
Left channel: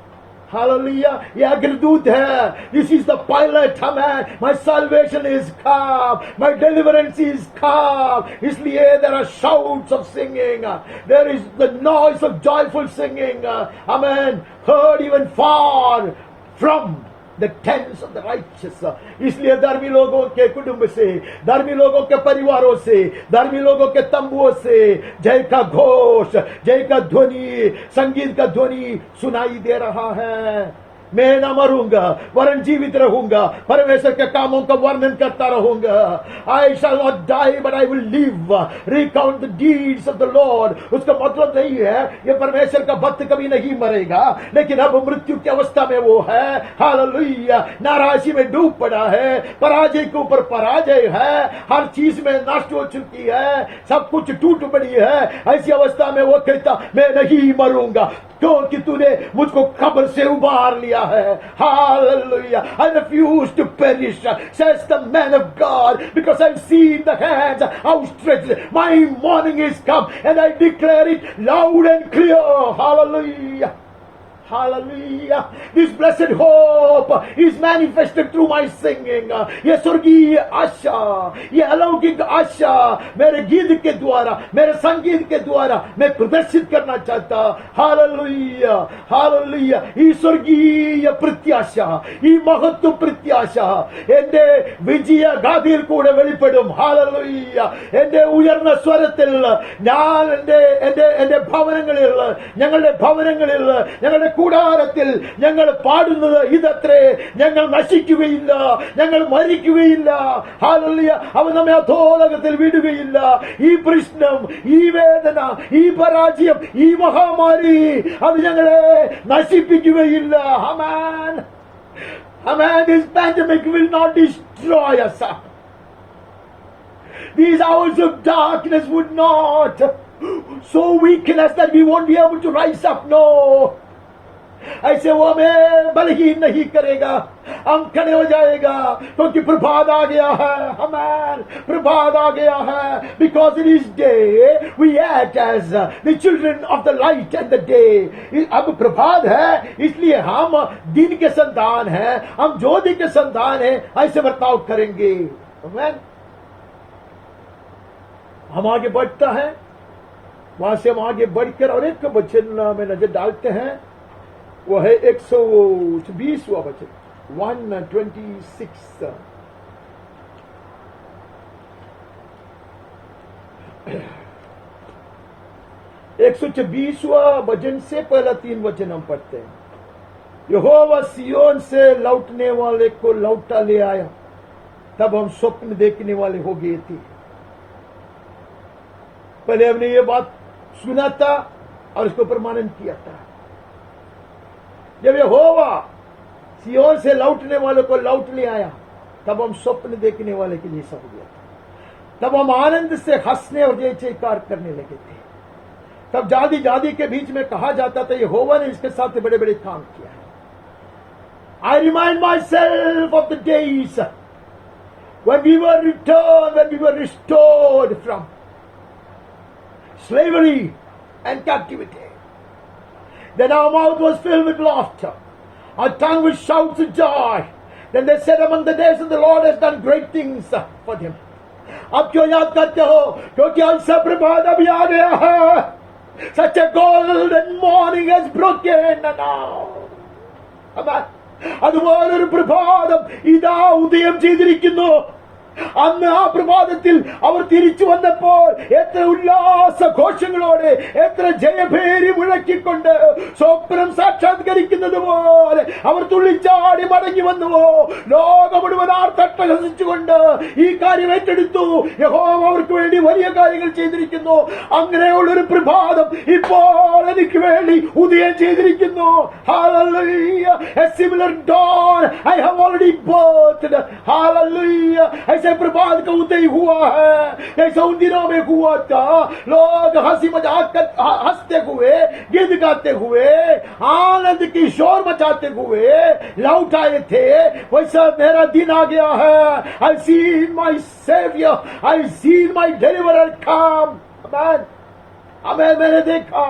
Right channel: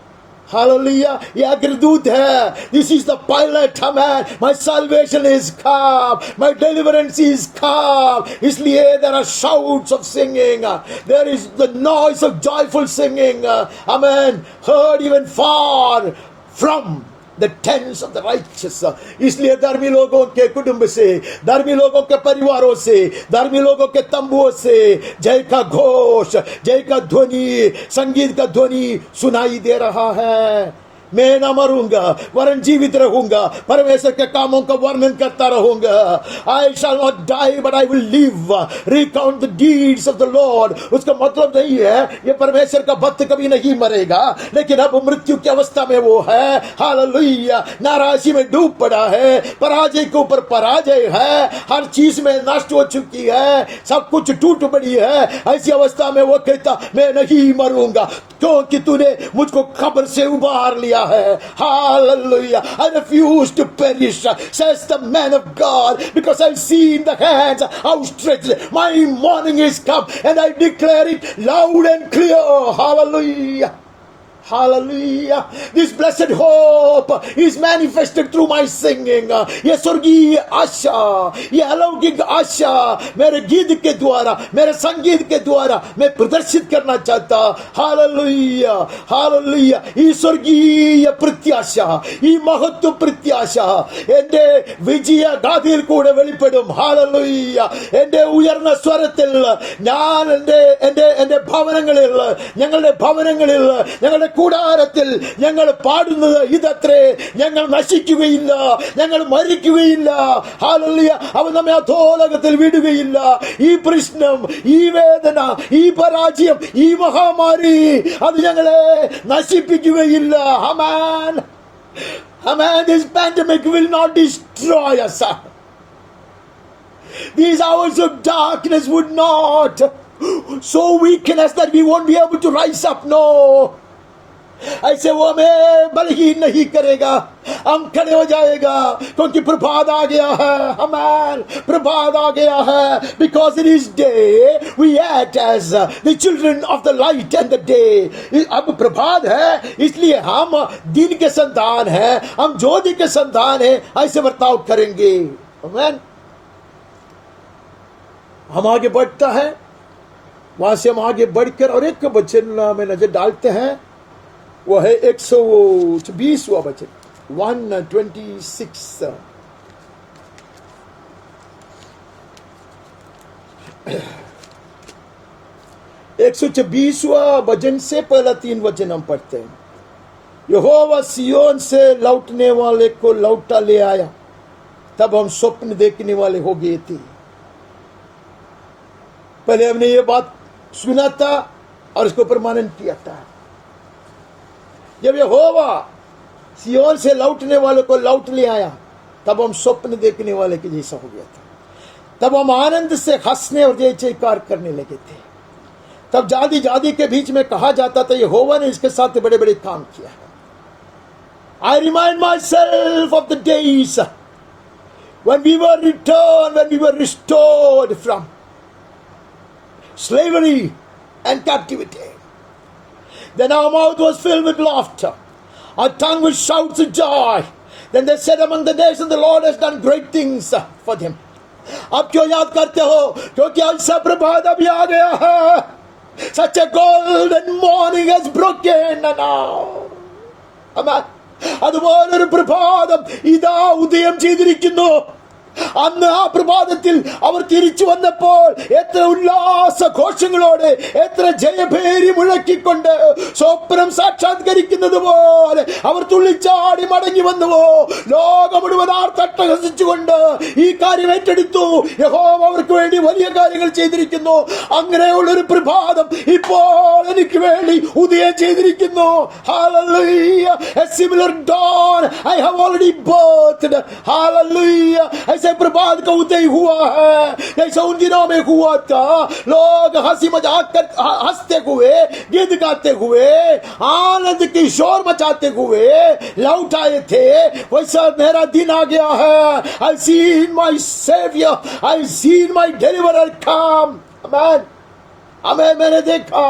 Hallelujah. ये अग्रदूत है. This is the pilot, man. My salvation is come. My deliverance is come. इसलिए there are shouts of singing. There is the noise of joyful singing. Amen. Heard even far from the tents of the righteous. इसलिए धर्मी लोगों के कुटुंब से, धर्मी लोगों के परिवारों से, धर्मी लोगों के तंबुओं से जय का घोष, जय का ध्वनि, संगीत का ध्वनि सुनाई दे रहा है। मैं न मरूंगा वरन जीवित रहूंगा, परमेश्वर के कामों का वर्णन करता रहूंगा। I shall not die but I will live, recount the deeds of the Lord. उसका मतलब नहीं है ये परमेश्वर का भक्त कभी नहीं मरेगा, लेकिन अब मृत्यु की अवस्था में वो है, हालेलुया। नाराजी में डूब पड़ा है, पराजय के ऊपर पराजय है, हर चीज में नष्ट हो चुकी है, सब कुछ टूट पड़ी है। ऐसी अवस्था में वो कहता मैं नहीं मरूंगा, क्योंकि तूने मुझको खबर से उबार लिया है, hallelujah. I refuse to perish, says the man of God, because I've seen the hands outstretched. My morning is come, and I declare it loud and clear, hallelujah. Hallelujah. This blessed hope is manifested through my singing. ये स्वर्गीय आशा, ये अलौकिक आशा मेरे गीत के द्वारा, मेरे संगीत के द्वारा मैं प्रदर्शित करना चाहता। Hallelujah, hallelujah. ഈ സ്വർഗീയ പ്രത്യാശ, ഈ മഹത്വ പ്രത്യാശ എന്റെ വിജയ ഗാഥയിൽ കൂടെ വെളിപ്പെടും. ഹാലലൂയ. എന്റെ ഉയർന്ന സ്വരത്തിൽ ഞാൻ എന്റെ ഭവനങ്ങളിൽ, ഞങ്ങളുടെ ഭവനങ്ങളിൽ, ഞങ്ങളുടെ കൂടാരത്തിൽ ഞങ്ങൾ പാടുന്നത് ഇതത്രേ, ഞങ്ങൾ നശിക്കുകയില്ല, ഞങ്ങൾ മരിക്കുകയില്ല. ഹല്ലേലൂയ. അവൻ നമ്മെ അധോലോകത്തിൽ വിടുകയില്ല. ഈ പ്രശ്നം, ഈ വേദന, ഈ പരാജയം, ഈ മഹാമാരി അത് ഞങ്ങളെ നശിപ്പിക്കുകയില്ല. ആമേൻ. Amen. This pandemic will not destroy us. These hours of darkness would not so weaken us that we won't be able to rise up. No. ऐसे वो हमें बलहीन नहीं करेगा, हम खड़े हो जाएगा, क्योंकि प्रभात आ गया है। आमेन। प्रभात आ गया है। Because it is day, we act as the children of the light and the day. अब प्रभात है, इसलिए हम दिन के संतान हैं, हम ज्योति के संतान हैं, ऐसे बर्ताव करेंगे। आमेन। हम आगे बढ़ता है, वहां से हम आगे बढ़कर और एक वचन में नजर डालते हैं, वो है 120वां वचन, 126। एक 126वां वचन से पहला 3 वचन हम पढ़ते हैं। यहोवा सियोन से लौटने वाले को लौटा ले आया, तब हम स्वप्न देखने वाले हो गए थे। पहले हमने ये बात सुना था और इसको प्रमाणन किया था। जब यहोवा सियोन से लौटने वाले को लौट ले आया, तब हम स्वप्न देखने वाले के जैसा हो गया था। तब हम आनंद से हंसने और जय जयकार करने लगे थे। तब जाति जाति के बीच में कहा जाता था, यहोवा ने इसके साथ बड़े बड़े काम किया है। I remind my self of the days when we were returned, when we were restored from slavery and captivity. Then our mouth was filled with laughter, our tongue with shouts of joy. Then they said among the nations, the Lord has done great things for them. आप क्यों याद करते हो? क्योंकि अवसर प्रभात अभी आ गया है. Such a golden morning has broken now. Amen. അതുപോലൊരു പ്രഭാതം ഇതാ ഉദയം ചെയ്തിരിക്കുന്നു. അന്ന് ആ പ്രഭാതത്തിൽ അവർ തിരിച്ചു വന്നപ്പോൾ എത്ര ഉല്ലാസ ഘോഷങ്ങളോടെ, എത്ര ജയഭേരി മുഴക്കിക്കൊണ്ട് സ്വപ്നം സാക്ഷാത്കരിക്കുന്നത് പോലെ അവർ തുള്ളിച്ചാടി മടങ്ങി വന്നുവോ. ലോകം മുഴുവൻ ആർത്തട്ടഹസിച്ചുകൊണ്ട് ഈ കാര്യം ഏറ്റെടുത്തു. യഹോവ അവർക്ക് വേണ്ടി വലിയ കാര്യങ്ങൾ ചെയ്തിരിക്കുന്നു. അങ്ങനെയുള്ളൊരു പ്രഭാതം ഇപ്പോൾ എനിക്ക് വേണ്ടി ഉദയം ചെയ്തിരിക്കുന്നു. Hallelujah. A similar dawn I have already birthed. Hallelujah. ऐसे प्रभात का उदय हुआ है जैसे उन दिनों में हुआ था. लोग हंसी मजाक कर हंसते हुए, गीत गाते हुए, आनंद की शोर मचाते हुए लौट आए थे. वैसा मेरा दिन आ गया है. I've seen my Savior, I've seen my Deliverer come. Amen. हमें मैंने देखा,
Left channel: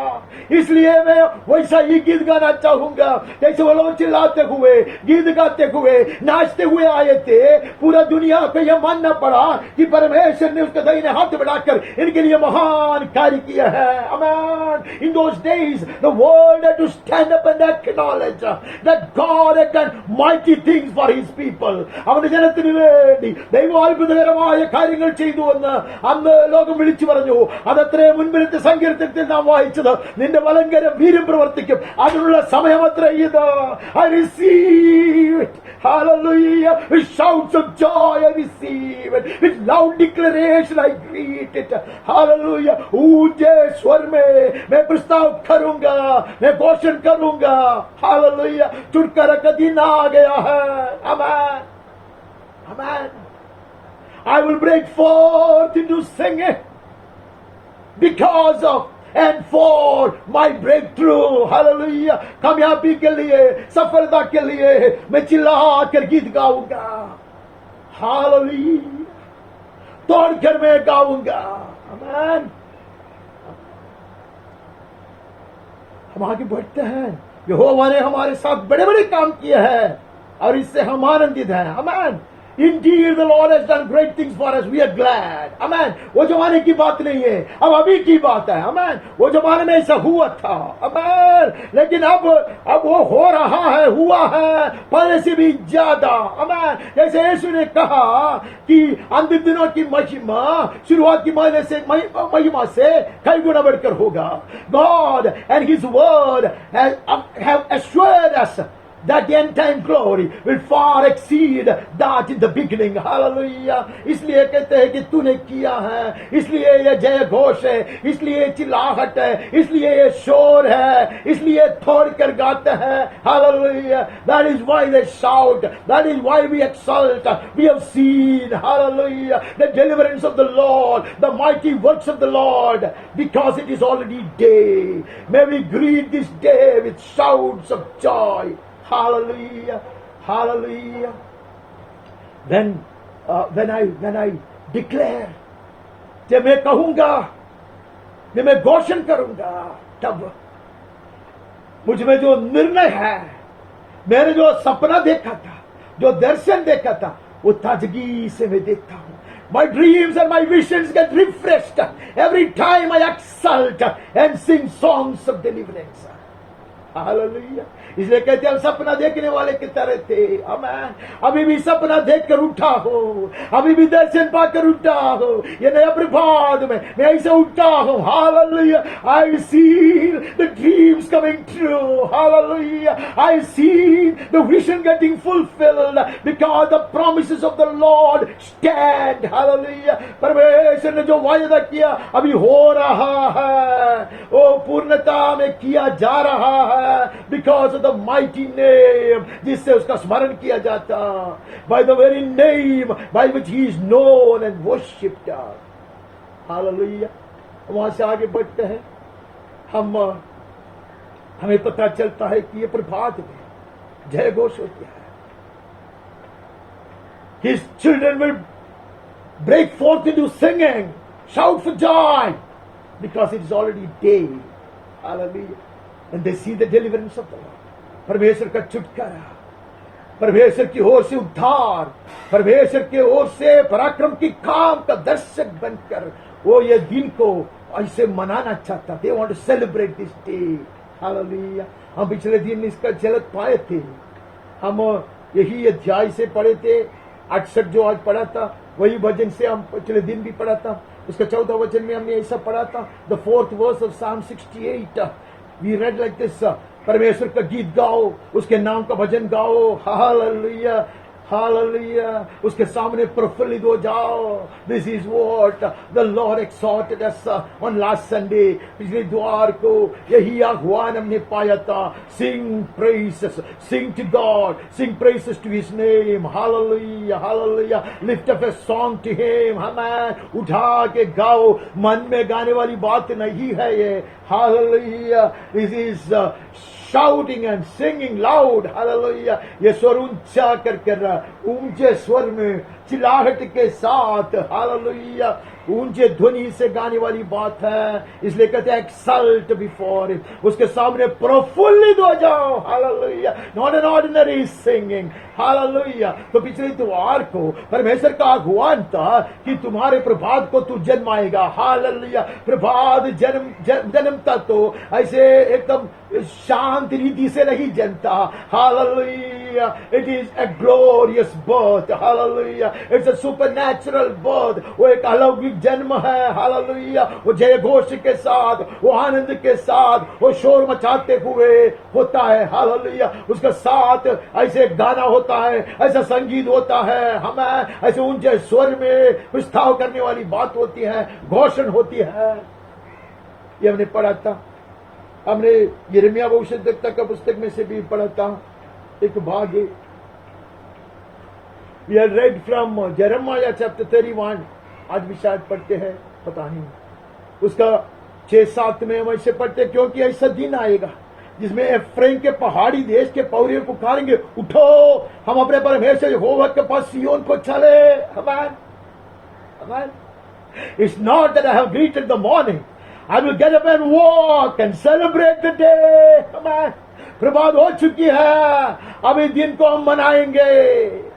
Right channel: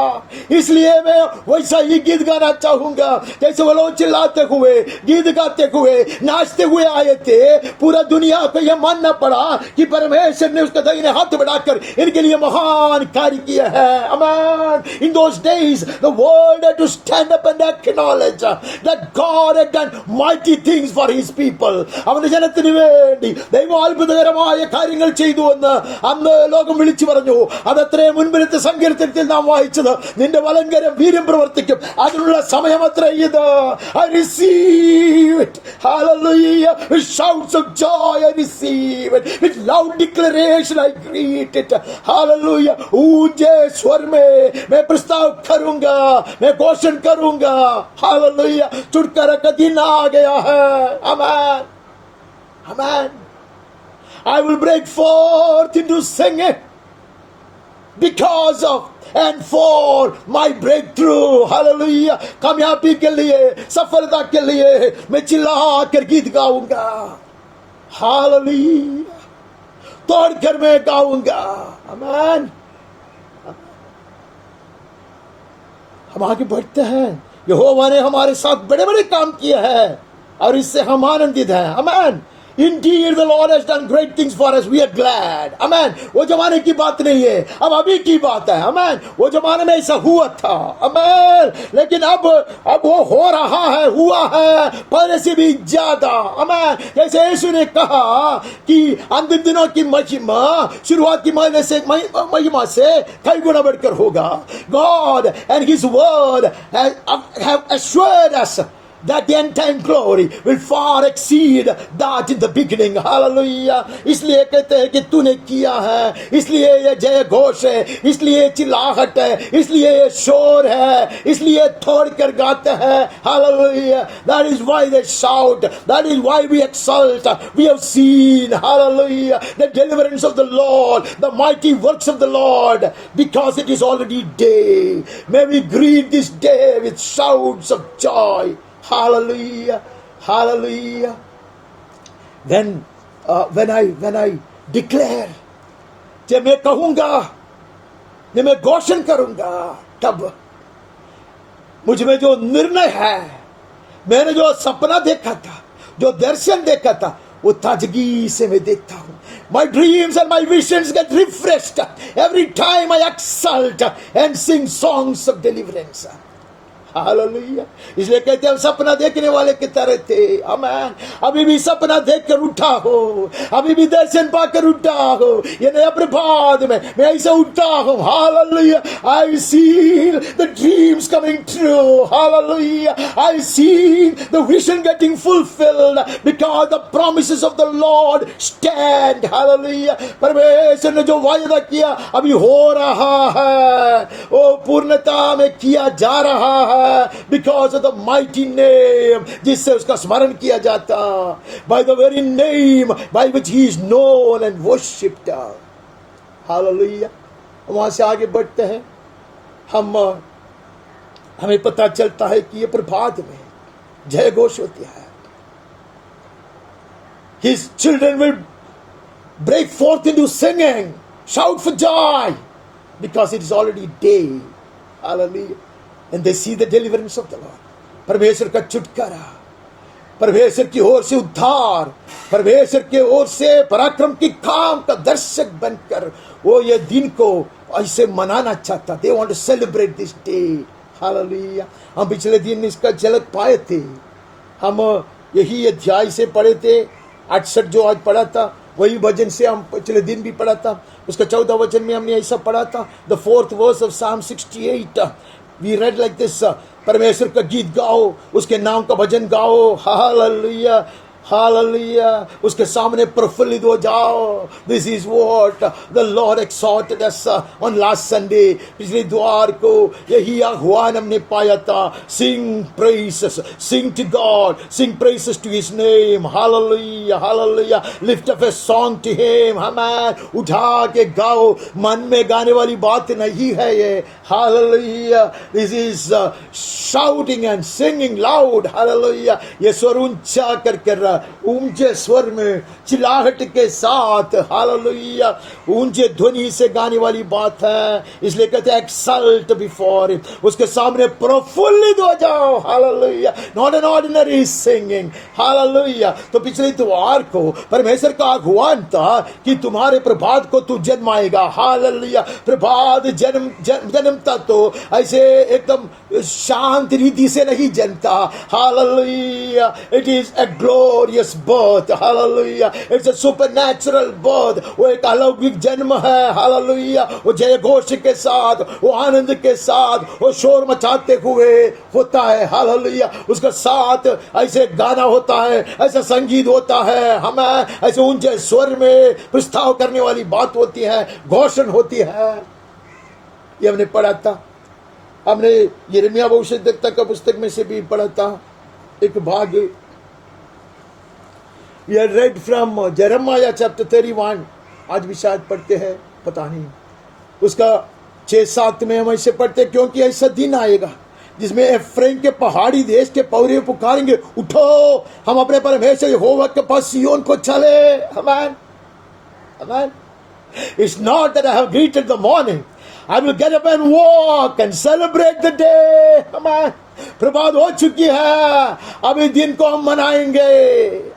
इसलिए मैं वैसा ही गीत गाना चाहूंगा जैसे वो लोग चिल्लाते हुए, गीत गाते हुए, नाचते हुए आए थे. पूरा दुनिया को यह मानना पड़ा कि परमेश्वर ने उसका दाहिने हाथ बढ़ाकर इनके लिए महान कार्य किया है. Amen. In those days the world had to stand up and acknowledge that God had done mighty things for his people. അവന്റെ ജനത്തിന് വേണ്ടി ദൈവം അത്ഭുതകരമായ കാര്യങ്ങൾ ചെയ്തു എന്ന് അന്ന് ലോകം വിളിച്ചു പറഞ്ഞു. അതത്രേ മുൻപിലത്തെ സങ്കീർത്തനത്തിൽ നാം വായിച്ചത്. നിന്റെ വലങ്കരം വീര്യം പ്രവർത്തിക്കും, അതിനുള്ള സമയമത്ര ഇത്. I receive it. Hallelujah. With shouts of joy I receive it. With loud declaration I greet it. Hallelujah. ऊंचे स्वर में मैं प्रस्ताव करूंगा, मैं घोषण करूंगा. Hallelujah. छुटकारा का दिन आ गया है. Amen. Amen. I will break forth into singing because of and for my breakthrough. Hallelujah. कामयाबी के लिए, सफलता के लिए मैं चिल्ला कर गीत गाऊंगा. Hallelujah. तोड़कर मैं गाऊंगा. Amen. हम आगे बढ़ते हैं. यहोवा ने हमारे साथ बड़े बड़े काम किए हैं और इससे हम आनंदित हैं. Amen. Indeed, the Lord has done great things for us. We are glad. Amen. वो जमाने की बात नहीं है, अब अभी की बात है. Amen. वो जमाने में ऐसा हुआ था. Amen. लेकिन अब वो हो रहा है, हुआ है पहले से भी ज्यादा. Amen. जैसे यीशु ने कहा कि अंतिम दिनों की महिमा शुरुआत की महिमा से कई गुना बढ़कर होगा. God and His word have assured us that the end time glory will far exceed that in the beginning. Hallelujah. इसलिए कहते हैं कि तूने किया है, इसलिए ये जय घोष है, इसलिए चिल्लाहट है, इसलिए ये शोर है, इसलिए तोड़ कर गाते हैं. Hallelujah. That is why they shout. That is why we exult. We have seen, hallelujah, the deliverance of the Lord, the mighty works of the Lord, because it is already day. May we greet this day with shouts of joy. Hallelujah. Hallelujah. When I declare, जब मैं कहूंगा, मैं घोषण करूंगा, तब मुझ में जो निर्णय है, मैंने जो सपना देखा था, जो दर्शन देखा था, वो ताजगी से मैं देखता हूं. My dreams and my visions get refreshed every time I exult and sing songs of deliverance. Hallelujah. इसलिए कहते हैं हम सपना देखने वाले की तरह थे. आमीन. अभी भी सपना देखकर उठा हो, अभी भी दर्शन पाकर उठा हो. ये नया प्रभात में मैं ऐसे उठा हूं. Hallelujah. I see the dreams coming true. Hallelujah. I see the vision getting fulfilled because the promises of the Lord stand. Hallelujah. परमेश्वर ने जो वायदा किया अभी हो रहा है, वो पूर्णता में किया जा रहा है. Because of the mighty name जिससे उसका स्मरण किया जाता, by the very name by which he is known and worshipped. Hallelujah. वहां से आगे बढ़ते हैं. हमें पता चलता है कि ये प्रभात में जय घोष होती है. His children will break forth into singing, shout for joy. because it is already day. Hallelujah. And they see the deliverance of the Lord. परमेश्वर का छुटकारा, परमेश्वर की ओर से उद्धार, परमेश्वर की ओर से पराक्रम की काम का दर्शक बनकर वो ये दिन को ऐसे मनाना चाहता. They want to celebrate this day. Hallelujah. हम पिछले दिन इसका झलक पाए थे. हम यही अध्याय से पढ़े थे. 68 जो आज पढ़ा था वही भजन से हम पिछले दिन भी पढ़ा था. उसका 14 वचन में हमने ऐसा पढ़ा था. The 4th verse of Psalm 68. We read like this. परमेश्वर का गीत गाओ, उसके नाम का भजन गाओ. Hallelujah, hallelujah. उसके सामने प्रफुल्लित हो जाओ. This is what the Lord exhorted us on last Sunday. पिछले द्वार को यही आह्वान हमने पाया था. Sing praises, sing to God, sing praises to His name. Hallelujah, hallelujah. Lift up a song to Him. Amen. उठा के गाओ. मन में गाने वाली बात नहीं है ये. Hallelujah. This is shouting and singing loud. Hallelujah. ये स्वर ऊंचा कर ऊंचे स्वर में चिल्लाहट के साथ. हालेलुया. ऊंचे ध्वनि से गाने वाली बात है. इसलिए कहते हैं एक्सल्ट बिफोर हिम, उसके सामने प्रफुल्लित हो जाओ. Hallelujah. Not an ordinary singing. Hallelujah. तो पिछले इतवार को परमेश्वर का आह्वान था कि तुम्हारे प्रभात को तू जन्माएगा. हालेलुया. प्रभात जन्मता तो ऐसे एकदम शांत रीति से नहीं जन्मता. हालेलुया. It is a glorious birth. Hallelujah. It's a supernatural birth. वो एक अलौकिक जन्म है. Hallelujah. वो जय घोष के साथ, वो आनंद के साथ, वो शोर मचाते हुए होता है. Hallelujah. उसके साथ ऐसे गाना होता है, ऐसा संगीत होता है, हमें ऐसे ऊंचे स्वर में प्रस्ताव करने वाली बात होती है, घोषण होती है. ये हमने पढ़ा था. हमने यिर्मयाह भविष्यद्वक्ता का पुस्तक में से भी पढ़ा था एक भाग. We had read from Jeremiah chapter 31. आज भी शायद पढ़ते हैं, पता नहीं. उसका 6-7 में हम ऐसे पढ़ते हैं, क्योंकि ऐसा दिन आएगा जिसमें एफ्रेम के पहाड़ी देश के पौरे पुकारेंगे, उठो हम अपने परमेश्वर यहोवा के पास सिय्योन को चले. Amen. Amen. It's not that I have greeted the morning. I will get up and walk and celebrate the day. Amen. प्रभात हो चुकी है, अभी दिन को हम मनाएंगे.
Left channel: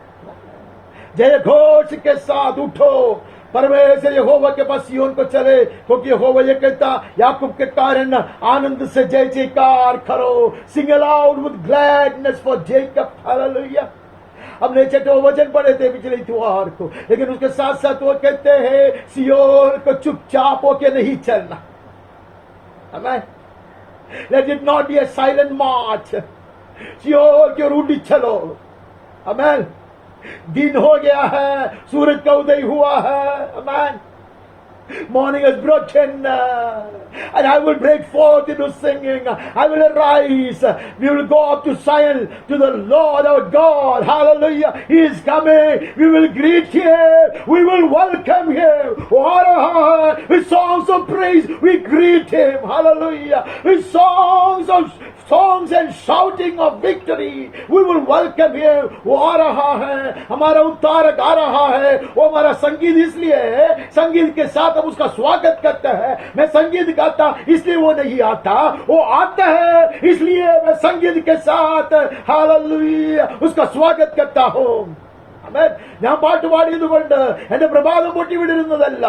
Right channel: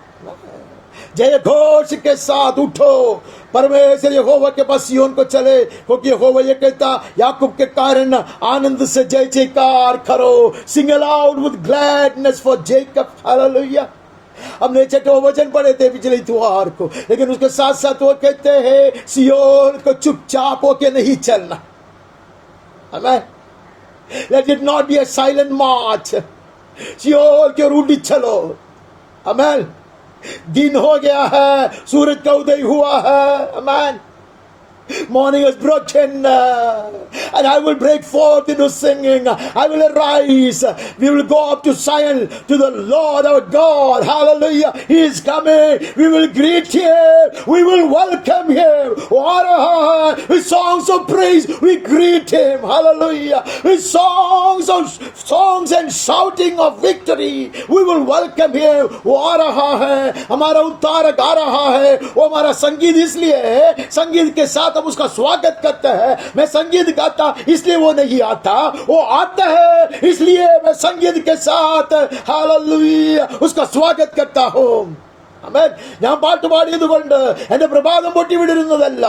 जय घोष के साथ उठो, परमेश्वर यहोवा के पास सिय्योन को चले, क्योंकि यहोवा ये कहता, याकूब के कारण आनंद से जय जयकार करो. Sing aloud with gladness for Jacob. Hallelujah. हमने 6 वचन पढ़े थे पिछले इतवार को, लेकिन उसके साथ साथ वो कहते हैं सिय्योन को चुपचाप होके नहीं चलना. Amen. Let it not be a silent march. सिय्योन के रूढ़ी चलो. Amen. दिन हो गया है, सूरज का उदय हुआ है. Amen. Morning has broken, and I will break forth into singing. I will arise. We will go up to Zion, to the Lord our God. Hallelujah. He is coming. We will greet Him. We will welcome Him. With songs of praise, we greet Him. Hallelujah. With songs and shouting of victory, we will welcome Him. वो आ रहा है, हमारा उद्धारक आ रहा है. वो हमारा संगीत इसलिए है, संगीत के साथ हम उसका स्वागत करते हैं. मैं संगीत गाता इसलिए वो नहीं आता, वो आता है इसलिए मैं संगीत के साथ हालेलुया उसका स्वागत करता हूं. ഞാൻ പാട്ട് പാടിയതുകൊണ്ട് എന്റെ പ്രഭാതം പൊട്ടി വിടരുന്നതല്ല,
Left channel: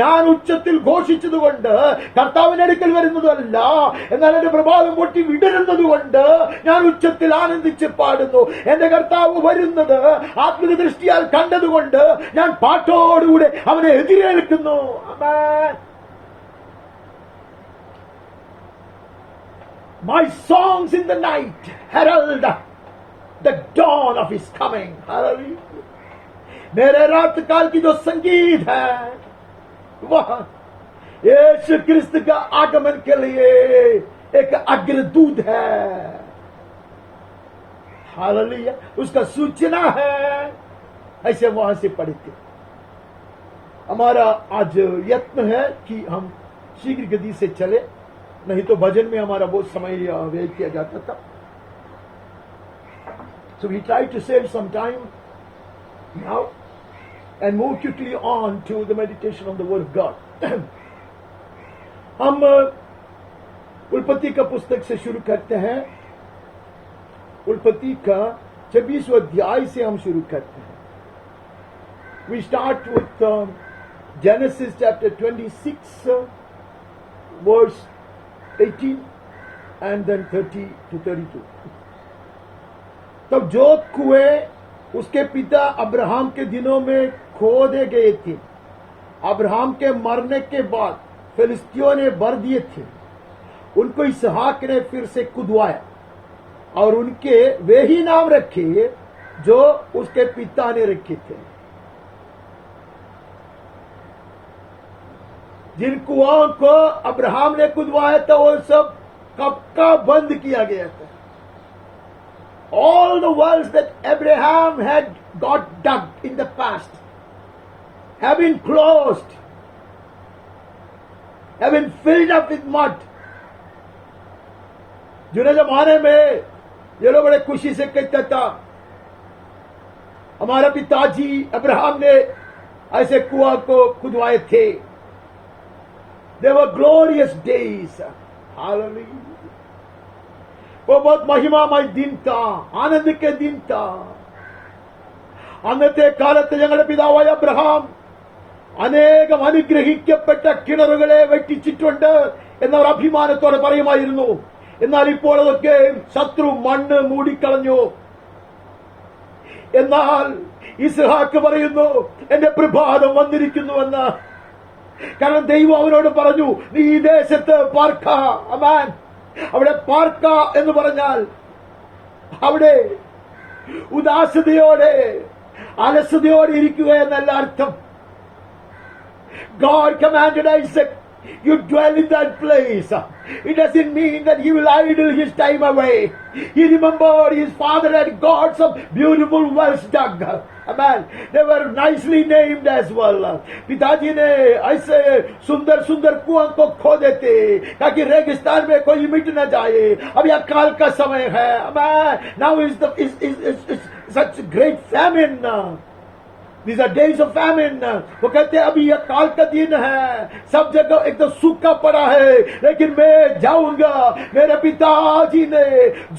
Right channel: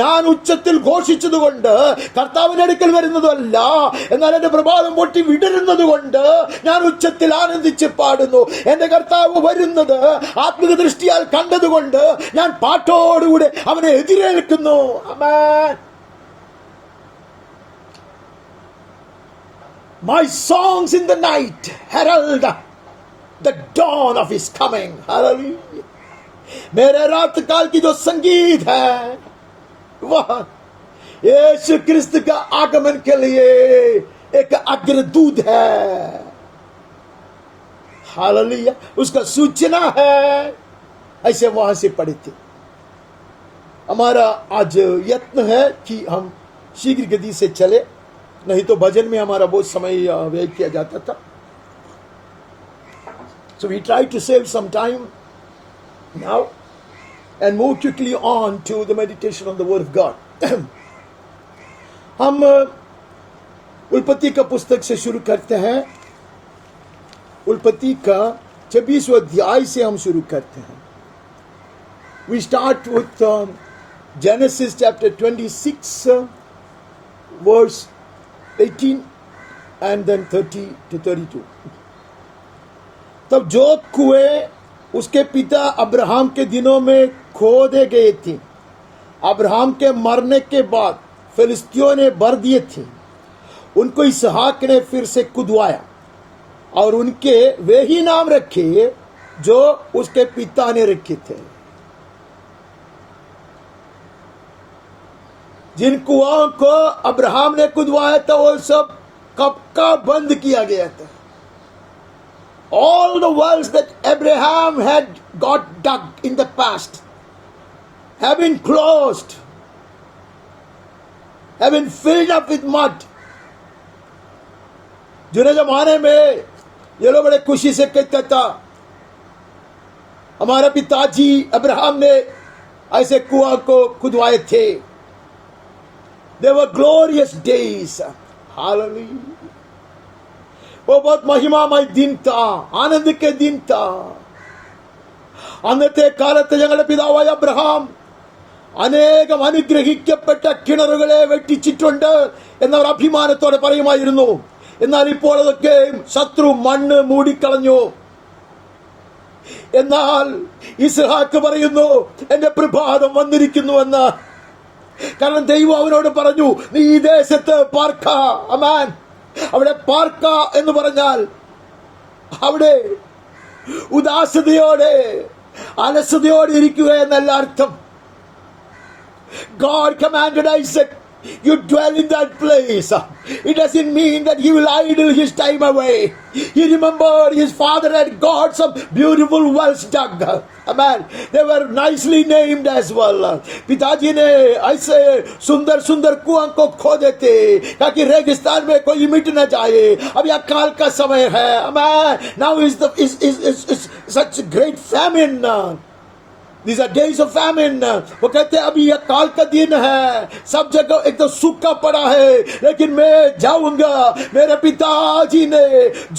ഞാൻ ഉച്ചത്തിൽ ഘോഷിച്ചതുകൊണ്ട് കർത്താവിന്റെ അടുക്കൽ വരുന്നതല്ല, എന്നാൽ എന്റെ പ്രഭാതം പൊട്ടി വിടരുന്നത് കൊണ്ട് ഞാൻ ഉച്ചത്തിൽ ആനന്ദിച്ച് പാടുന്നു. എന്റെ കർത്താവ് വരുന്നത് ആത്മിക ദൃഷ്ടിയാൽ കണ്ടതുകൊണ്ട് ഞാൻ പാട്ടോടുകൂടെ അവനെ എതിരേൽക്കുന്നു. ആമേൻ. My songs in the night herald the dawn of His coming. Hallelujah. मेरे रात काल की जो संगीत है वह यीशु क्रिस्त का आगमन के लिए एक अग्रदूत है. हालेलुया. उसका सूचना है. ऐसे वहां से पढ़े थे. हमारा आज यत्न है कि हम शीघ्र गति से चले, नहीं तो भजन में हमारा बहुत समय व्यय किया जाता था. So we try to save some time now and move quickly on to the meditation on the Word of God. हम उत्पत्ति का पुस्तक से शुरू करते हैं। उत्पत्ति का 26वां अध्याय से हम शुरू करते हैं। We start with Genesis chapter 26 verse 18 and then 30 to 32. तब जो कुएं उसके पिता अब्राहम के दिनों में खोदे गए थे, अब्राहम के मरने के बाद फिलिस्तियों ने भर दिए थे, उनको इसहाक ने फिर से खुदवाया और उनके वे ही नाम रखे जो उसके पिता ने रखे थे। जिन कुआं को अब्राहम ने खुदवाया था वो सब कब का बंद किया गया था। All the wells that Abraham had got dug in the past have been closed, have been filled up with mud. जुने जमाने में ये लोग बड़े खुशी से कहता था, हमारा पिताजी अब्राहम ने ऐसे कुआं को खुदवाए थे। They were glorious days. Hallelujah. वो बहुत महिमामय दिन था, आनंद के दिन था। അന്നത്തെ കാലത്ത് ഞങ്ങളുടെ പിതാവായ അബ്രഹാം അനേകം അനുഗ്രഹിക്കപ്പെട്ട കിണറുകളെ വെട്ടിച്ചിട്ടുണ്ട് എന്നവർ അഭിമാനത്തോടെ പറയുമായിരുന്നു. എന്നാൽ ഇപ്പോൾ അതൊക്കെ ശത്രു മണ്ണ് മൂടിക്കളഞ്ഞു. എന്നാൽ ഇസ്ഹാക്ക് പറയുന്നു, എന്റെ പ്രഭാതം വന്നിരിക്കുന്നുവെന്ന്. കാരണം ദൈവം അവനോട് പറഞ്ഞു, നീ ഈ ദേശത്ത് പാർക്ക. അമാൻ. അവിടെ പാർക്ക എന്ന് പറഞ്ഞാൽ അവിടെ ഉദാസതയോടെ അലസതയോടെ ഇരിക്കുക എന്നല്ല അർത്ഥം. God commanded Isaac, you dwell in that place. It doesn't mean that he will idle his time away. He remembered his father had got some beautiful wells dug. Amen. They were nicely named as well. पिताजी ने ऐसे सुंदर सुंदर कुआं को खोदे थे ताकि रेगिस्तान में कोई मिट न जाए. अब यह काल का समय है. Amen. Now is such great famine. These are days of famine. वो कहते हैं अभी यह काल का दिन है, सब जगह एक तो सूखा पड़ा है, लेकिन मैं जाऊंगा. मेरे पिताजी ने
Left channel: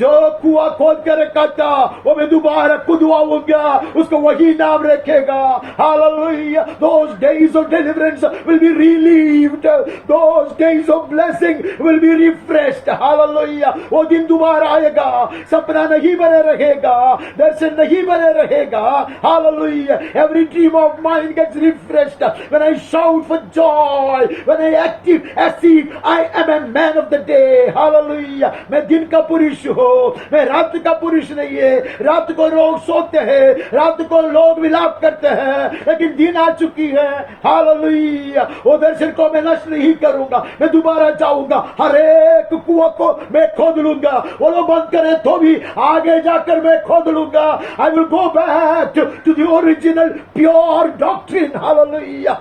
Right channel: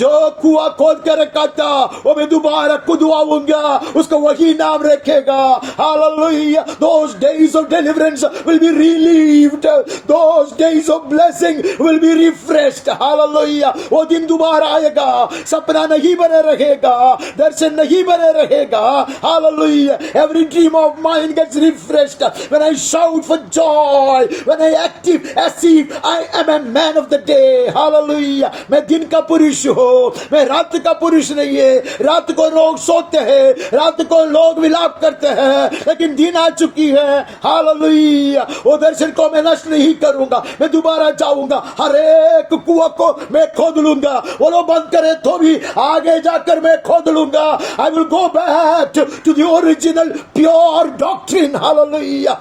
जो कुआं खोद कर रखा था वो मैं दोबारा खुदवाऊंगा, उसको वही नाम रखेगा. Hallelujah. Those days of deliverance will be relieved. Those days of blessing will be refreshed. Hallelujah. वो दिन दोबारा आएगा. सपना नहीं बने रहेगा, दर्शन नहीं बने रहेगा. Hallelujah. Every dream of mine gets refreshed when I shout for joy, when I active as if I am a man of the day. Hallelujah. मैं दिन का पुरुष हूँ, मैं रात का पुरुष नहीं है. रात को लोग सोते हैं, रात को लोग विलाप करते हैं, लेकिन दिन आ चुकी है. Hallelujah. वो दर्शन को मैं नष्ट नहीं करूंगा, मैं दोबारा जाऊंगा. हर एक कुआं को मैं खोद लूंगा. वो लोग बंद करे तो भी आगे जाकर मैं खोद लूंगा. I will go back to the original pure doctrine. Hallelujah.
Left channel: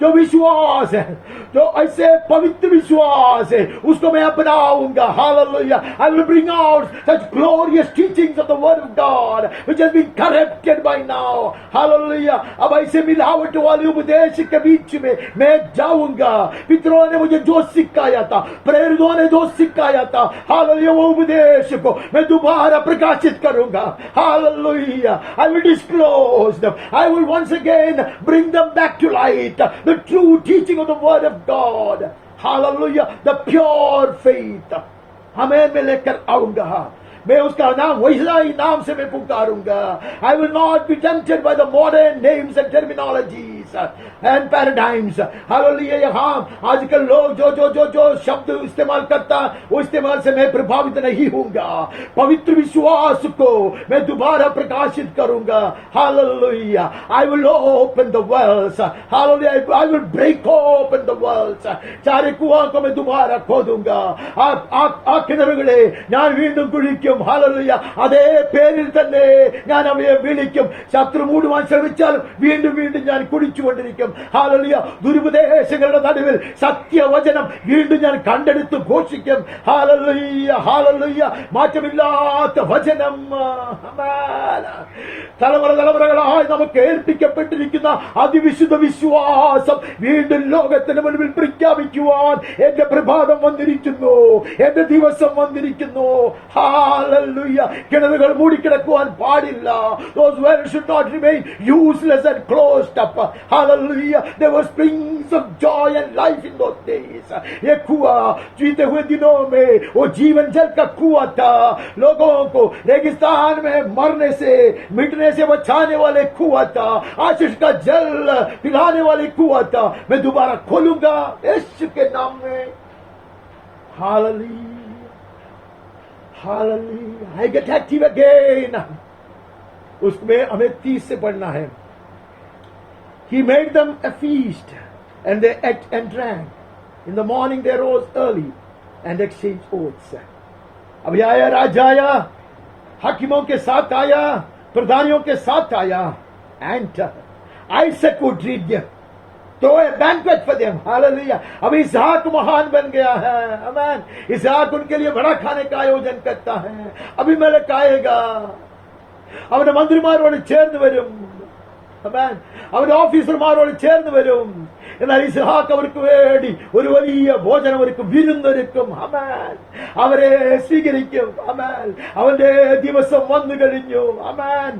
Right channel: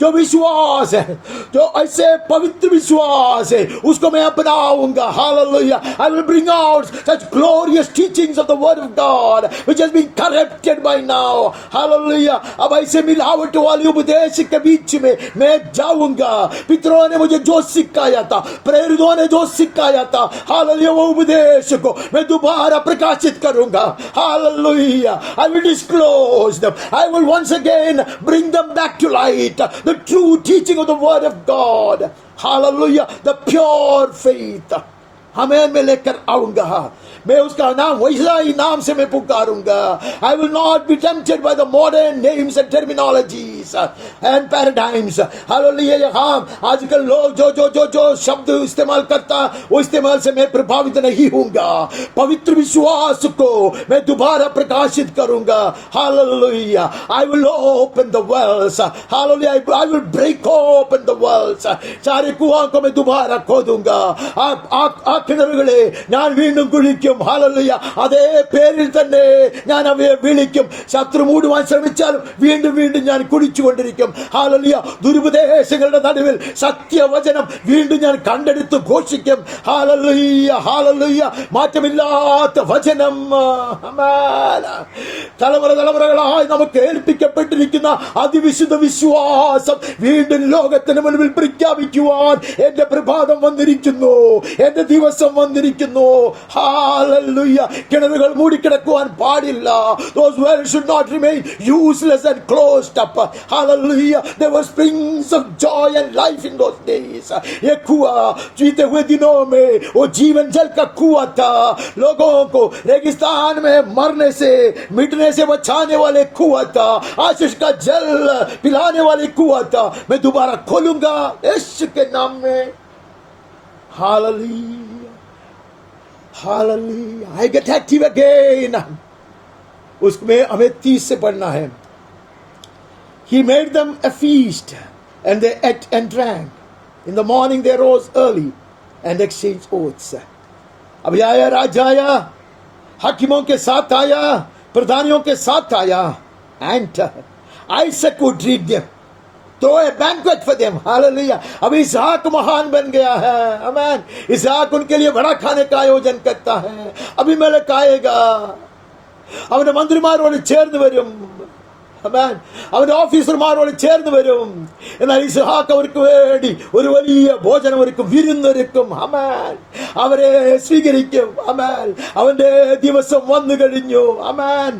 जो विश्वास है, जो ऐसे पवित्र विश्वास है, उसको मैं अपनाऊंगा. Hallelujah. I will bring out such glorious teachings of the word of God which has been corrupted by now. Hallelujah. अब ऐसे मिलावट वाले उपदेश के बीच में मैं जाऊंगा. पितरों ने मुझे जो सिखाया था, प्रेरितों ने जो सिखाया था, Hallelujah, वो उपदेश को मैं दोबारा प्रकाशित करूंगा. Hallelujah. I will disclose them. I will once again bring them back to light. The true teaching of the word of God. Hallelujah. The pure faith. हमें मैं लेकर आऊंगा. मैं उसका नाम वैसा ही नाम से मैं पुकारूंगा. I will not be tempted by the modern names and terminologies and paradigms. Hallelujah. यहाँ आजकल लोग जो शब्द इस्तेमाल करता वो इस्तेमाल से मैं प्रभावित नहीं होऊंगा. पवित्र विश्वास को मैं दोबारा प्रकाशित करूंगा. Hallelujah. I will open the wells. Hallelujah. I will break open the wells. चारे कुआं को मैं दोबारा खोदूंगा. ആ കിണറുകളെ ഞാൻ വീണ്ടും കുഴിക്കും. Hallelujah. അതേ പേരിൽ തന്നെ ഞാൻ അവയെ വിളിക്കും. ശത്രു മൂടുവാൻ ശ്രമിച്ചാലും വീണ്ടും വീണ്ടും ഞാൻ കുഴിച്ചു ഘോഷിച്ചുകൊണ്ടിരിക്കും. ഹല്ലേലൂയ. ദുരുപദേശങ്ങളുടെ നടുവിൽ സത്യവചനം വീണ്ടും ഞാൻ കണ്ടെടുത്ത് ഘോഷിക്കും. Hallelujah, hallelujah. മാറ്റമില്ലാത്ത വചനം. ആമേൻ. തലമുറകളായി നമുക്ക് ഏൽപ്പിക്കപ്പെട്ടിരിക്കുന്ന അതിവിശുദ്ധ വിശ്വാസം വീണ്ടും ലോകത്തിന് മുൻപിൽ പ്രഖ്യാപിക്കുവാൻ എന്റെ പ്രഭാതം വന്നിരിക്കുന്നു, എന്റെ ദിവസം വന്നിരിക്കുന്നു. ഹല്ലേലൂയ. കിണറുകൾ മൂടിക്കിടക്കുവാൻ പാടില്ല. Those wells should not remain useless and closed up. Hallelujah. There were springs of joy and life in those days. ये कुआं जीते हुए दिनों में वो जीवन जल का कुआं था. लोगों को रेगिस्तान में मरने से मिटने से बचाने वाले कुआं था. आशीष का जल पिलाने वाले कुआं था. मैं दोबारा खोलूंगा यीशु के नाम में. Hallelujah. Hallelujah. I get active again. उसमें हमें 30 से पढ़ना है. He made them a feast and they ate and drank. In the morning they rose early and exchanged oaths. अब आया राजा आया, हाकिमों के साथ आया, प्रधानियों के साथ आया. And Isaac would treat them. Throw a banquet for them. Hallelujah. अब इसहाक महान बन गया है. आमीन. इसहाक उनके लिए बड़ा खाने का आयोजन करता है. अबीमेलेक आएगा, അവന്റെ മന്ത്രിമാരോട് ചേർന്ന് വരും. അവന്റെ ഓഫീസർമാരോട് ചേർന്ന് വരും. എന്നാൽ ഇസ്ഹാക്ക് അവർക്ക് വേണ്ടി ഒരു വലിയ ഭോജനം ഒരുക്കും, വിരുന്നൊരുക്കും. അമേൻ. അവരെ സ്വീകരിക്കും. അമേൻ. അവന്റെ ദിവസം വന്നു കഴിഞ്ഞു. അമേൻ.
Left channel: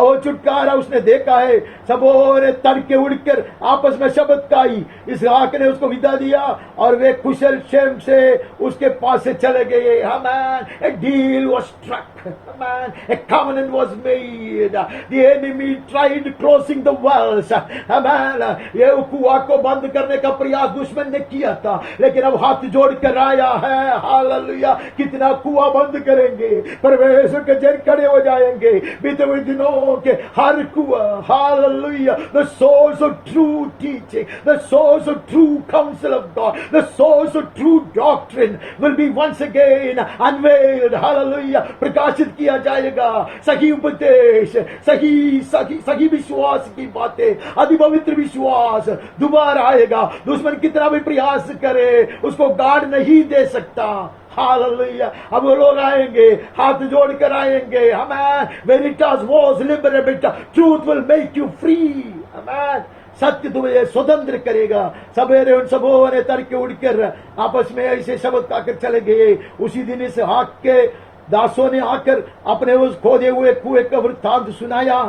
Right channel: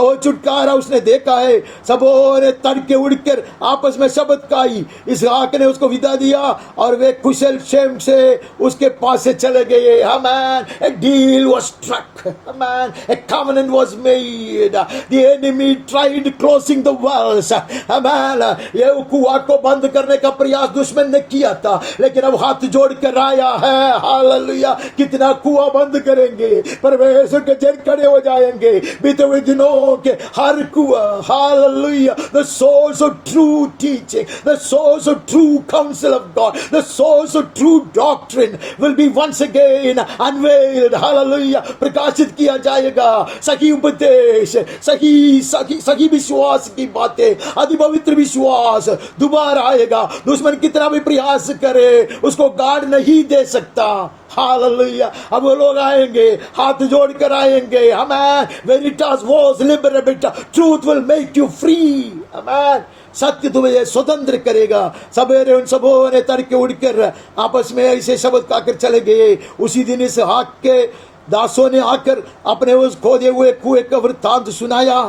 और छुटकारा उसने देखा है. सबों ने तड़के उड़कर आपस में शब्द खाई. इसहाक ने उसको विदा दिया और वे कुशल क्षेम से उसके पास से चले गए. Amen. A deal was struck. Amen. A covenant was made. The enemy tried closing the wells. Amen. ये कुआं को बंद करने का प्रयास दुश्मन ने किया था, लेकिन अब हाथ जोड़ कर आया है. हालेलुया. कितना कुआं बंद करेंगे, परमेश्वर के जन खड़े हो जाएंगे. बीते हुए दिनों के हर कुआं. Hallelujah. The source of true teaching, the source of true counsel of God, the source of true doctrine will be once again unveiled. Hallelujah. प्रकाशित किया जाएगा. सही उपदेश, सही विश्वास की बातें, अति पवित्र विश्वास दोबारा आएगा. दुश्मन कितना भी प्रयास करे उसको गार्ड नहीं दे सकता. हालेलुया. अब वो लोग आएंगे, हाथ जोड़कर आएंगे. आमेन. Veritas was liberated. Truth will make you free. आमेन. सत्य तुम्हें स्वतंत्र करेगा. सवेरे उन सबों ने तड़के उड़कर आपस में ऐसे शब्द खाकर चले गए. उसी दिन इस हाक के दासों ने आकर अपने उस खोदे हुए कुएं का वृत्तांत सुनाया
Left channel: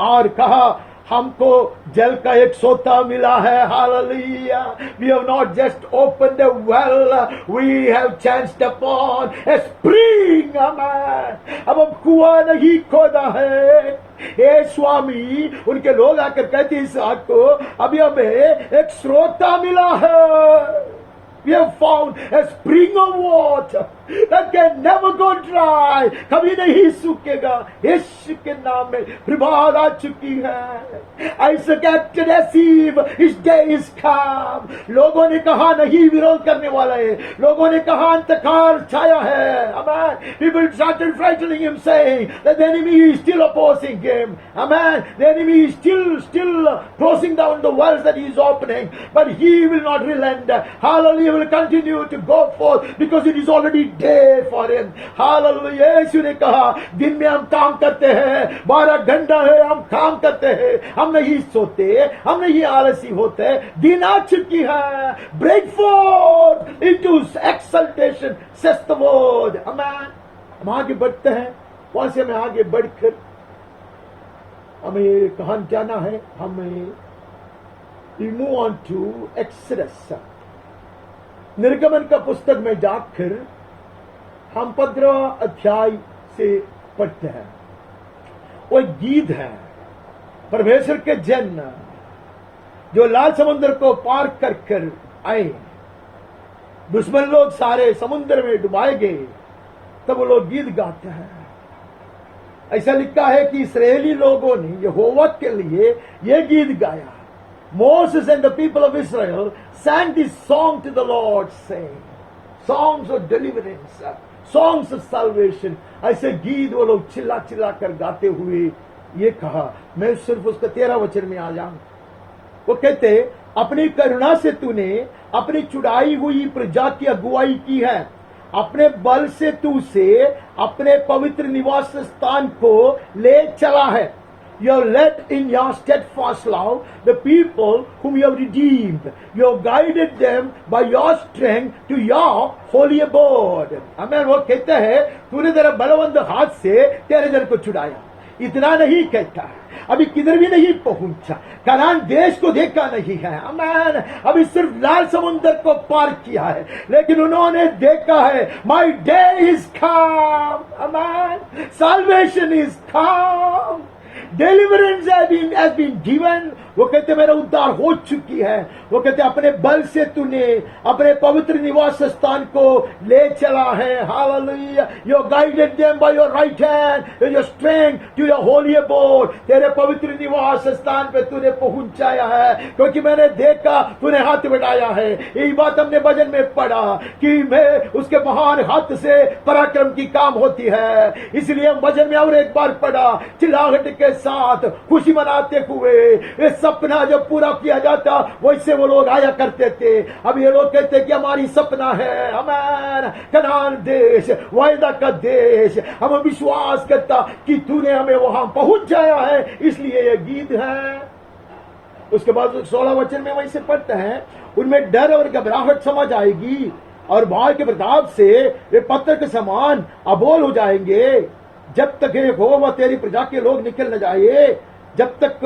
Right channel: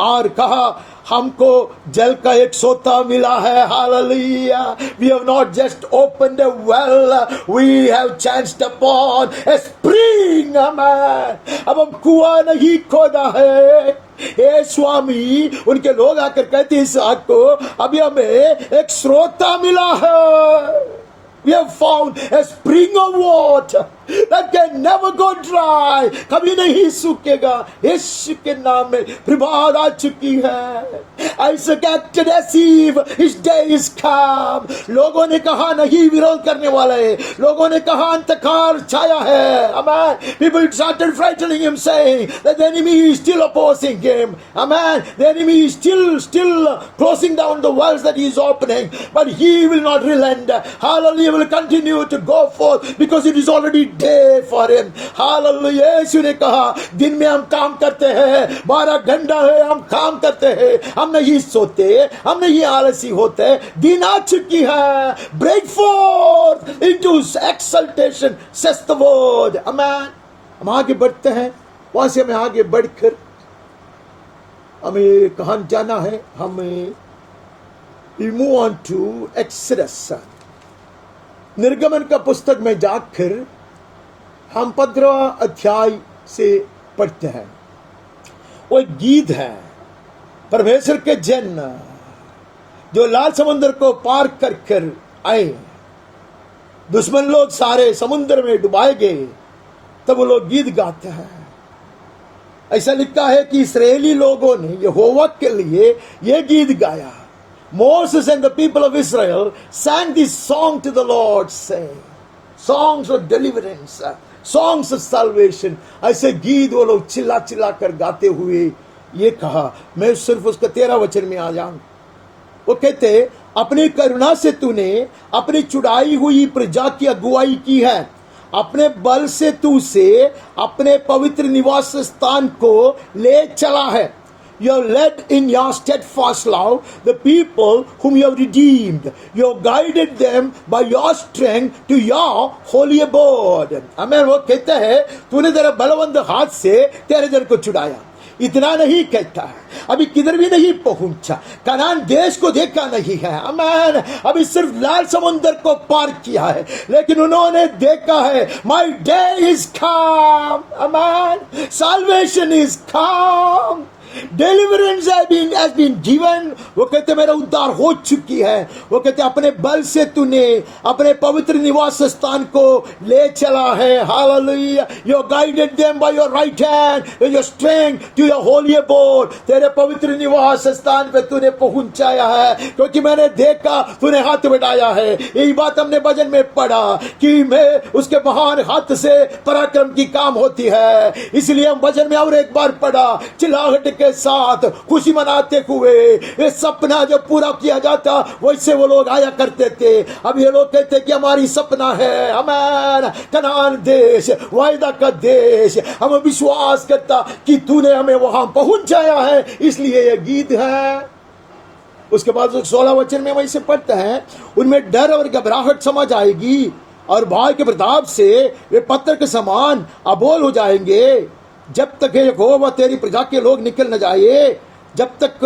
और कहा, हमको जल का एक सोता मिला है. Hallelujah. We have not just opened a well, we have chanced upon a spring. Amen. अब हम कुआं नहीं खोदा है. हे स्वामी, उनके लोग आकर कहते हैं इसहाक को, अभी हमें एक स्रोता मिला है. We have found a spring of water that can never go dry. कभी नहीं सूखेगा. यीशु के नाम में प्रभात आ चुकी है. Isaac acted as if his day is come. लोगों ने कहा नहीं विरोध करने वाला है. लोगों ने कहा अंधकार छाया है. Amen. People started frightening him, saying that the enemy is still opposing him. Amen. The enemy is still closing down the wells that he is opening, but he will not relent. Hallelujah. He will continue to go forth because it is already day for him. Hallelujah. यीशु ने कहा, दिन में हम काम करते हैं, 12 घंटा है हम काम करते हैं, हम नहीं सोते, हम नहीं आलसी होते. दिन आ चुकी है. Break forth into exaltation, says the word. Amen. हम आगे बढ़ते हैं. वहां से हमें आगे बढ़कर हमें कहां जाना है. हमें we move on to Exodus. निर्गमन का पुस्तक में जाकर हम 15 अध्याय से पढ़ते हैं. वो एक गीत है. परमेश्वर के जन जो लाल समुद्र को पार कर कर आए, दुश्मन लोग सारे समुद्र में डुबाए गए, तब वो लोग गीत गाते हैं. ऐसा लिखा है कि इस्राएली लोगों ने यहोवा के लिए यह गीत गाया. Moses and the people of Israel sang this song to the Lord, saying, songs of deliverance, songs of salvation. ऐसे गीत वो लोग चिल्ला चिल्ला कर गाते हुए ये कहा. मैं सिर्फ उसका 13 वचन में आ जाऊं. वो कहते अपनी करुणा से तूने अपनी चुड़ाई हुई प्रजा की अगुवाई की है, अपने बल से तू उसे अपने पवित्र निवास स्थान को ले चला है। You have led in your steadfast love the people whom you have redeemed. You have guided them by your strength to your holy abode. Amen. वो कहता है तूने तेरे बलवंत हाथ से तेरे जन को छुड़ाया। इतना नहीं कहता है, अभी किधर भी नहीं पहुंचा, कनान देश को देखा नहीं है। अमेन। अभी सिर्फ लाल समुद्र को पार किया है, लेकिन उन्होंने देखा है my day is come. Amen. Salvation is come, deliverance has been given। वो कहते मेरा उद्धार हो चुकी है। वो कहते अपने बल से तूने अपने पवित्र निवास स्थान को ले चला है। Hallelujah. You guided them by your right hand with your strength to your holy abode। तेरे पवित्र निवास स्थान पे तूने पहुंचाया है, क्योंकि मैंने देखा तूने हाथ बढ़ाया है। यही बात हमने भजन में पढ़ा कि मैं उसके महान हाथ से पराक्रम की काम होती है। इसलिए हम भजन में और एक बार पढ़ा, चिल्लाहट के साथ खुशी मनाते हुए ये सपना जब पूरा किया जाता वैसे वो लोग आया करते थे। अब ये लोग कहते कि हमारी सपना है अमेन कनान देश, वायदा का देश। हम विश्वास करता कि तूने हमें वहां पहुंचाया है, इसलिए ये गीत है। उसके बाद 16 वचन में वैसे पढ़ते हैं, उनमें डर और घबराहट समझ आएगी और भाई के प्रताप से वे पत्थर के समान अबोल हो जाएंगे। जब तक यहोवा तेरी प्रजा के लोग निकल न जाए, जब तक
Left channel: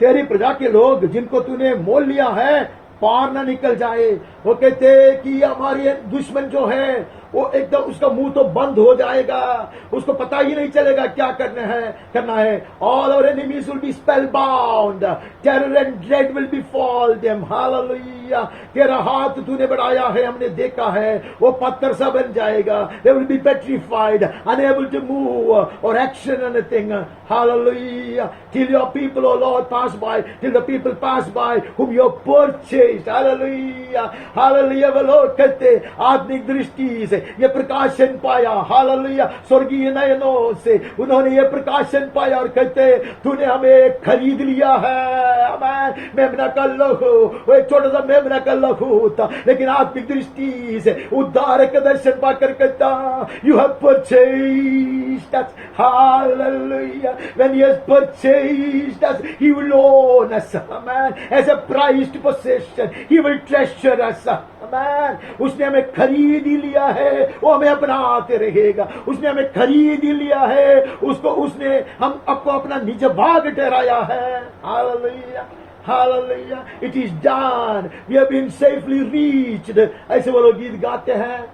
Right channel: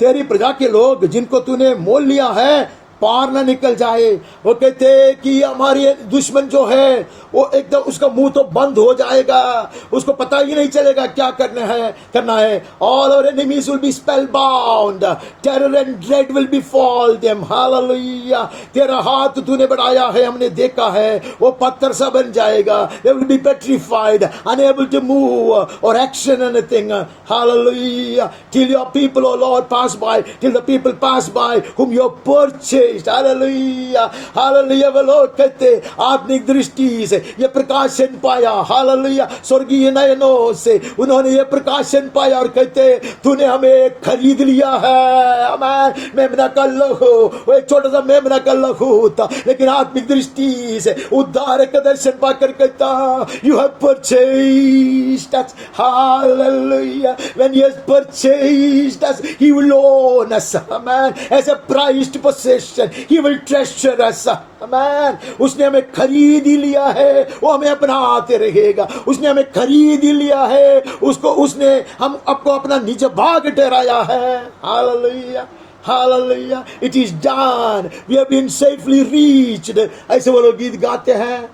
तेरी प्रजा के लोग जिनको तूने मोल लिया है पार न निकल जाए। वो कहते कि हमारे दुश्मन जो है वो एकदम उसका मुंह तो बंद हो जाएगा, उसको पता ही नहीं चलेगा क्या करना है। All our enemies will be spellbound, terror and dread will befall them। Hallelujah। तेरा हाथ तूने बढ़ाया है, हमने देखा है, वो पत्थर सा बन जाएगा। They will be petrified, unable to move or action anything। Hallelujah। Till your people, O Lord, pass by, till the people pass by whom you have purchased। Hallelujah hallelujah. वो लोग कहते आत्मिक दृष्टि से ये प्रकाशन पाया, हालेलुया, स्वर्गीय नयनों से उन्होंने ये प्रकाशन पाया और कहते तूने हमें खरीद लिया है। अमेन। मेमना का लहू, वो एक छोटा सा मेमना का लहू था, लेकिन आत्मिक दृष्टि से उद्धार का दर्शन पाकर कहता you have purchased us. Hallelujah. When he has purchased us he will own us. Amen. As a prized possession he will treasure us। Amen। उसने हमें खरीद ही लिया है, वो हमें अपनाते रहेगा। उसने हमें खरीद ही लिया है, उसने हम आपको अपना निज भाग ठहराया है। Hallelujah hallelujah. It is done, we have been safely reached। ऐसे वो लोग गीत गाते हैं।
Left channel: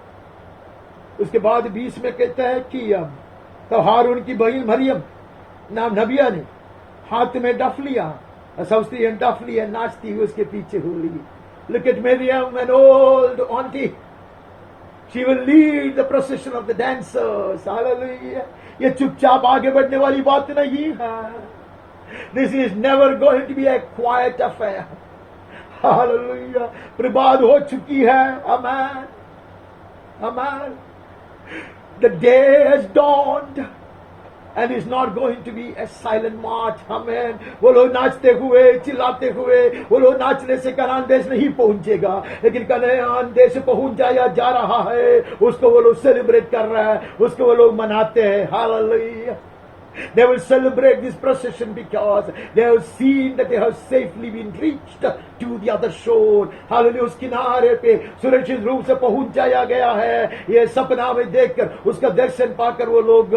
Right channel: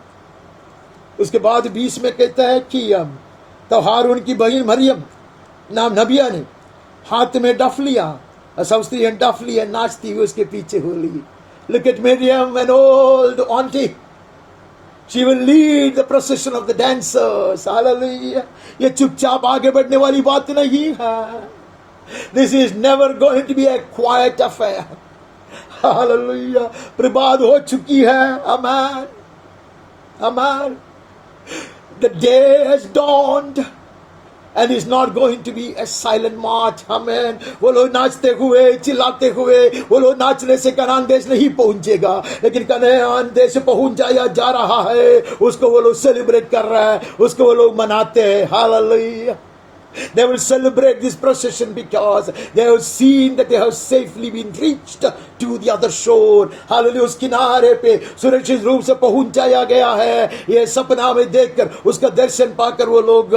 उसके बाद 20 में कहता है कि तब हारून की बहन मरियम नाम नबिया ने हाथ में डफ लिया, सौस्त्री डफ लिया, नाचती हुई उसके पीछे हो ली। Look at Miriam, an old auntie। She will lead the procession of the dancers। Hallelujah। ये चुपचाप आगे बढ़ने वाली बात नहीं है। This is never going to be a quiet affair। Hallelujah। प्रभात हो चुकी है। Amen। Amen। The day has dawned and it's not going to be a silent march। Amen। वो लोग नाचते हुए चिल्लाते हुए, वो लोग नाचने से कनान देश नहीं पहुंचेगा, लेकिन कनान देश पहुंच जाया जा रहा है। उसको वो लोग सेलिब्रेट कर रहा है, उसको वो लोग मनाते हैं। Hallelujah. They will celebrate this procession because they have seen that they have safely been reached to the other shore। Hallelujah. उस किनारे पे सुरक्षित रूप से पहुंचाया गया है। ये सपना में देखकर उसका दर्शन पाकर वो लोग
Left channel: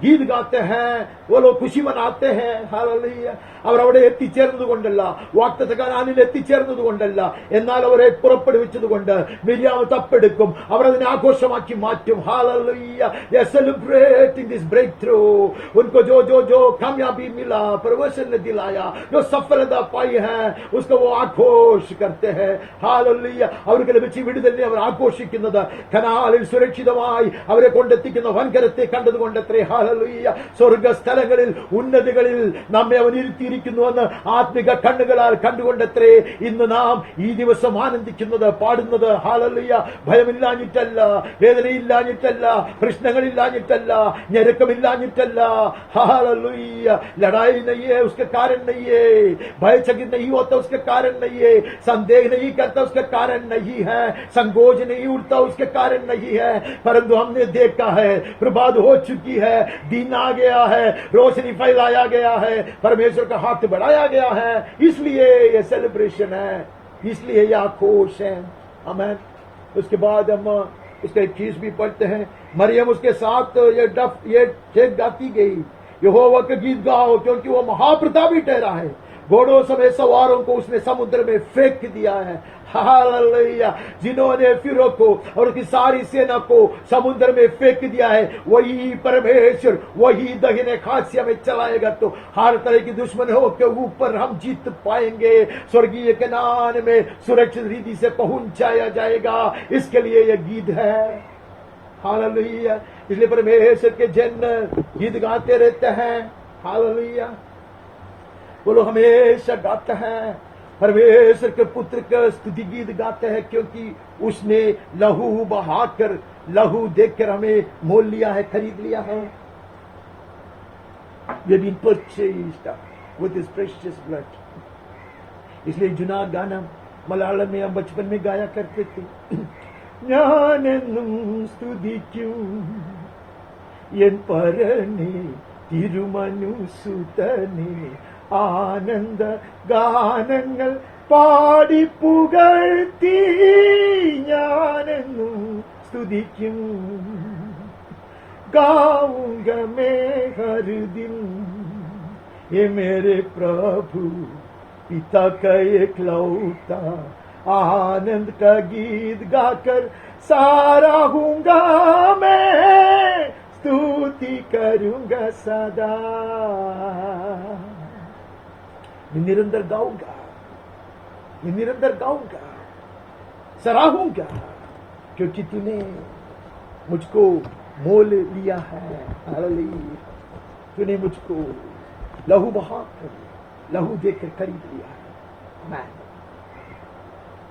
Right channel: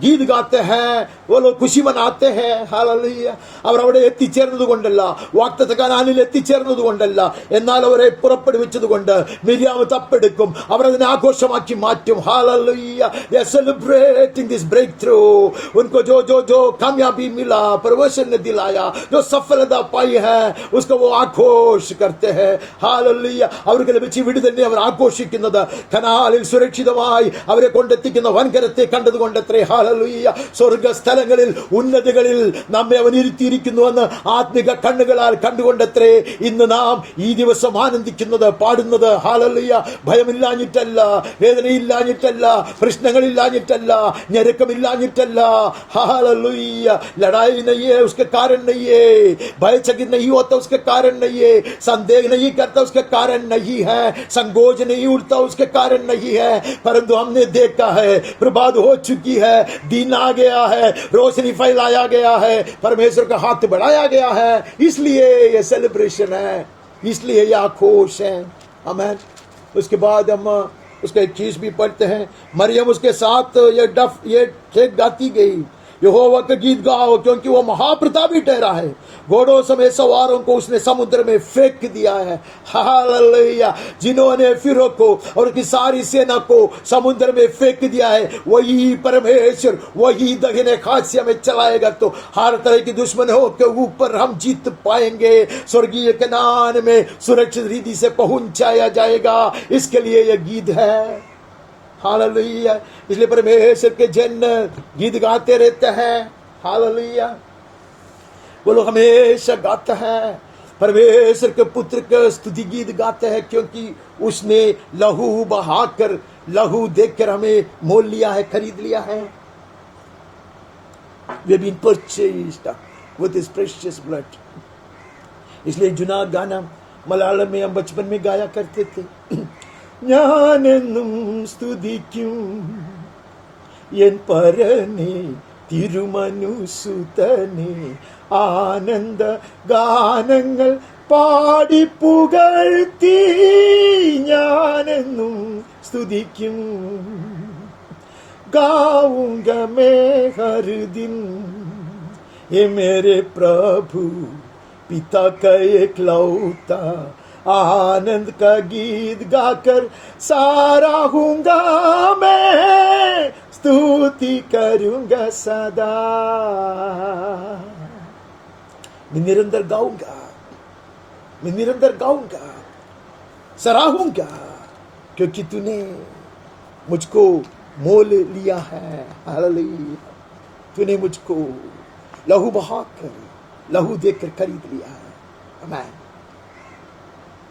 गीत गाते हैं, वो लोग खुशी मनाते हैं। हालेलुയ। അവർ അവിടെ എത്തിച്ചേർന്നതുകൊണ്ടല്ല, വാഗ്ദത്ത കനാനിൽ എത്തിച്ചേർന്നതുകൊണ്ടല്ല, എന്നാൽ അവരെ പുറപ്പെടുവിച്ചതുകൊണ്ട് മിര്യാം തപ്പെടുക്കും, അവർ അതിനെ ആഘോഷമാക്കി മാറ്റും। Hallelujah. They are celebrating this breakthrough। उनको जो जो जो कामयाबी मिला, परमेश्वर ने दिलाया, जो सफलता पाई है, उसको वो आघोष करते हैं। हालेलुया। അവർക്ക് ലഭിച്ച വിടുതലിനെ അവർ ആഘോഷിക്കുന്നത് കനാലിൽ സുരക്ഷിതമായി അവരെ കൊണ്ടെത്തിക്കുന്ന വൻകരത്തെ കണ്ടതുകൊണ്ടത്രേ। हालेलुया। സ്വർഗ്ഗസ്ഥലങ്ങളിൽ ഉന്നതികളിൽ നമ്മെ അവൻ ഇരുത്തിയിരിക്കുന്നുവെന്ന് ആത്മിക കണ്ണുകളാൽ കണ്ടുകൊണ്ടത്രേ ഇന്ന് നാം ഈ ദിവസം ആനന്ദിക്കുന്നത്, പാടുന്നത്। हालेलुया। ഭയമില്ലാഞ്ഞിട്ടല്ല, വേദനയില്ലാഞ്ഞിട്ടല്ല, പ്രശ്നങ്ങളില്ലാഞ്ഞിട്ടല്ല, ഞെരുക്കമില്ലാഞ്ഞിട്ടല്ല, हालेलुया। लड़ाई नहीं है उसके कारण नहीं है, भयचकित नहीं होता उसके कारण नहीं है, संदेह नहीं करता उसके कारण नहीं है, संकोच नहीं उठता उसके कारण नहीं है, परंतु हमने देखा है प्रभात हो चुकी है, दिन आ गया है, रोशनी फैलाया गया है, परमेश्वर का हाथ बढ़ाया गया है, इसलिए ये सेलिब्रेशन है, इसलिए ये आक्रोश है। आमीन। उसके बाद हम उसका एक चीज भी पढ़ते हैं, मरियम उसके साथ ये ठेक गाती गई, यहोवा का गीत गाओ क्योंकि वो महाप्रतापी ठहरा है, घोड़ों समेत सवारों को उसने समुद्र में फेंक दिया है। हालेलुया। जिन्होंने फिरौन को और उसकी सारी सेना को समुद्र में फेंक दिया है, वही परमेश्वर वही दाहिने हाथ से हमें चलाएगा, तो हर तरह की दुश्मनों के ऊपर हम जीत पाएंगे, स्वर्गीय कनान में सुरक्षित रीति से पहुंचाया जाएगा। इसके लिए यह गीत है। हालेलुया। इसलिए परमेश्वर के जन गीत गाते रहते हैं। हालेलुया। वो लोग हमेशा गाते हैं, परमेश्वर के पुत्र का स्तुति गीत गाते हैं, क्योंकि उसने लहू बहाकर, लहू देकर हमें मोल लिया है, खरीद लिया है। We have been purchased with his precious blood. इसलिए जुना गाना मलयालम में हम बचपन में गाया करते थे, ஞானென்னும் ஸ்துதிக்கும் என் பரனே திருமனு சுதனே, ஆனந்த கானங்கள் பாடி புகழ்த்தி ஞானென்னும் ஸ்துதிக்கும், गाऊंगा मैं हर दिन ये मेरे प्रभु पिता का एकलौता, आनंद का गीत गाकर सराहूंगा मैं, स्तुति करूंगा सदा। मैं निरंतर गाऊंगा, मैं निरंतर गाऊंगा, सराहूंगा, क्योंकि तूने मुझको मोल लिया है। हालेलुया। तूने मुझको लहू बहाकर, लहू देकर खरीद लिया है। आमीन।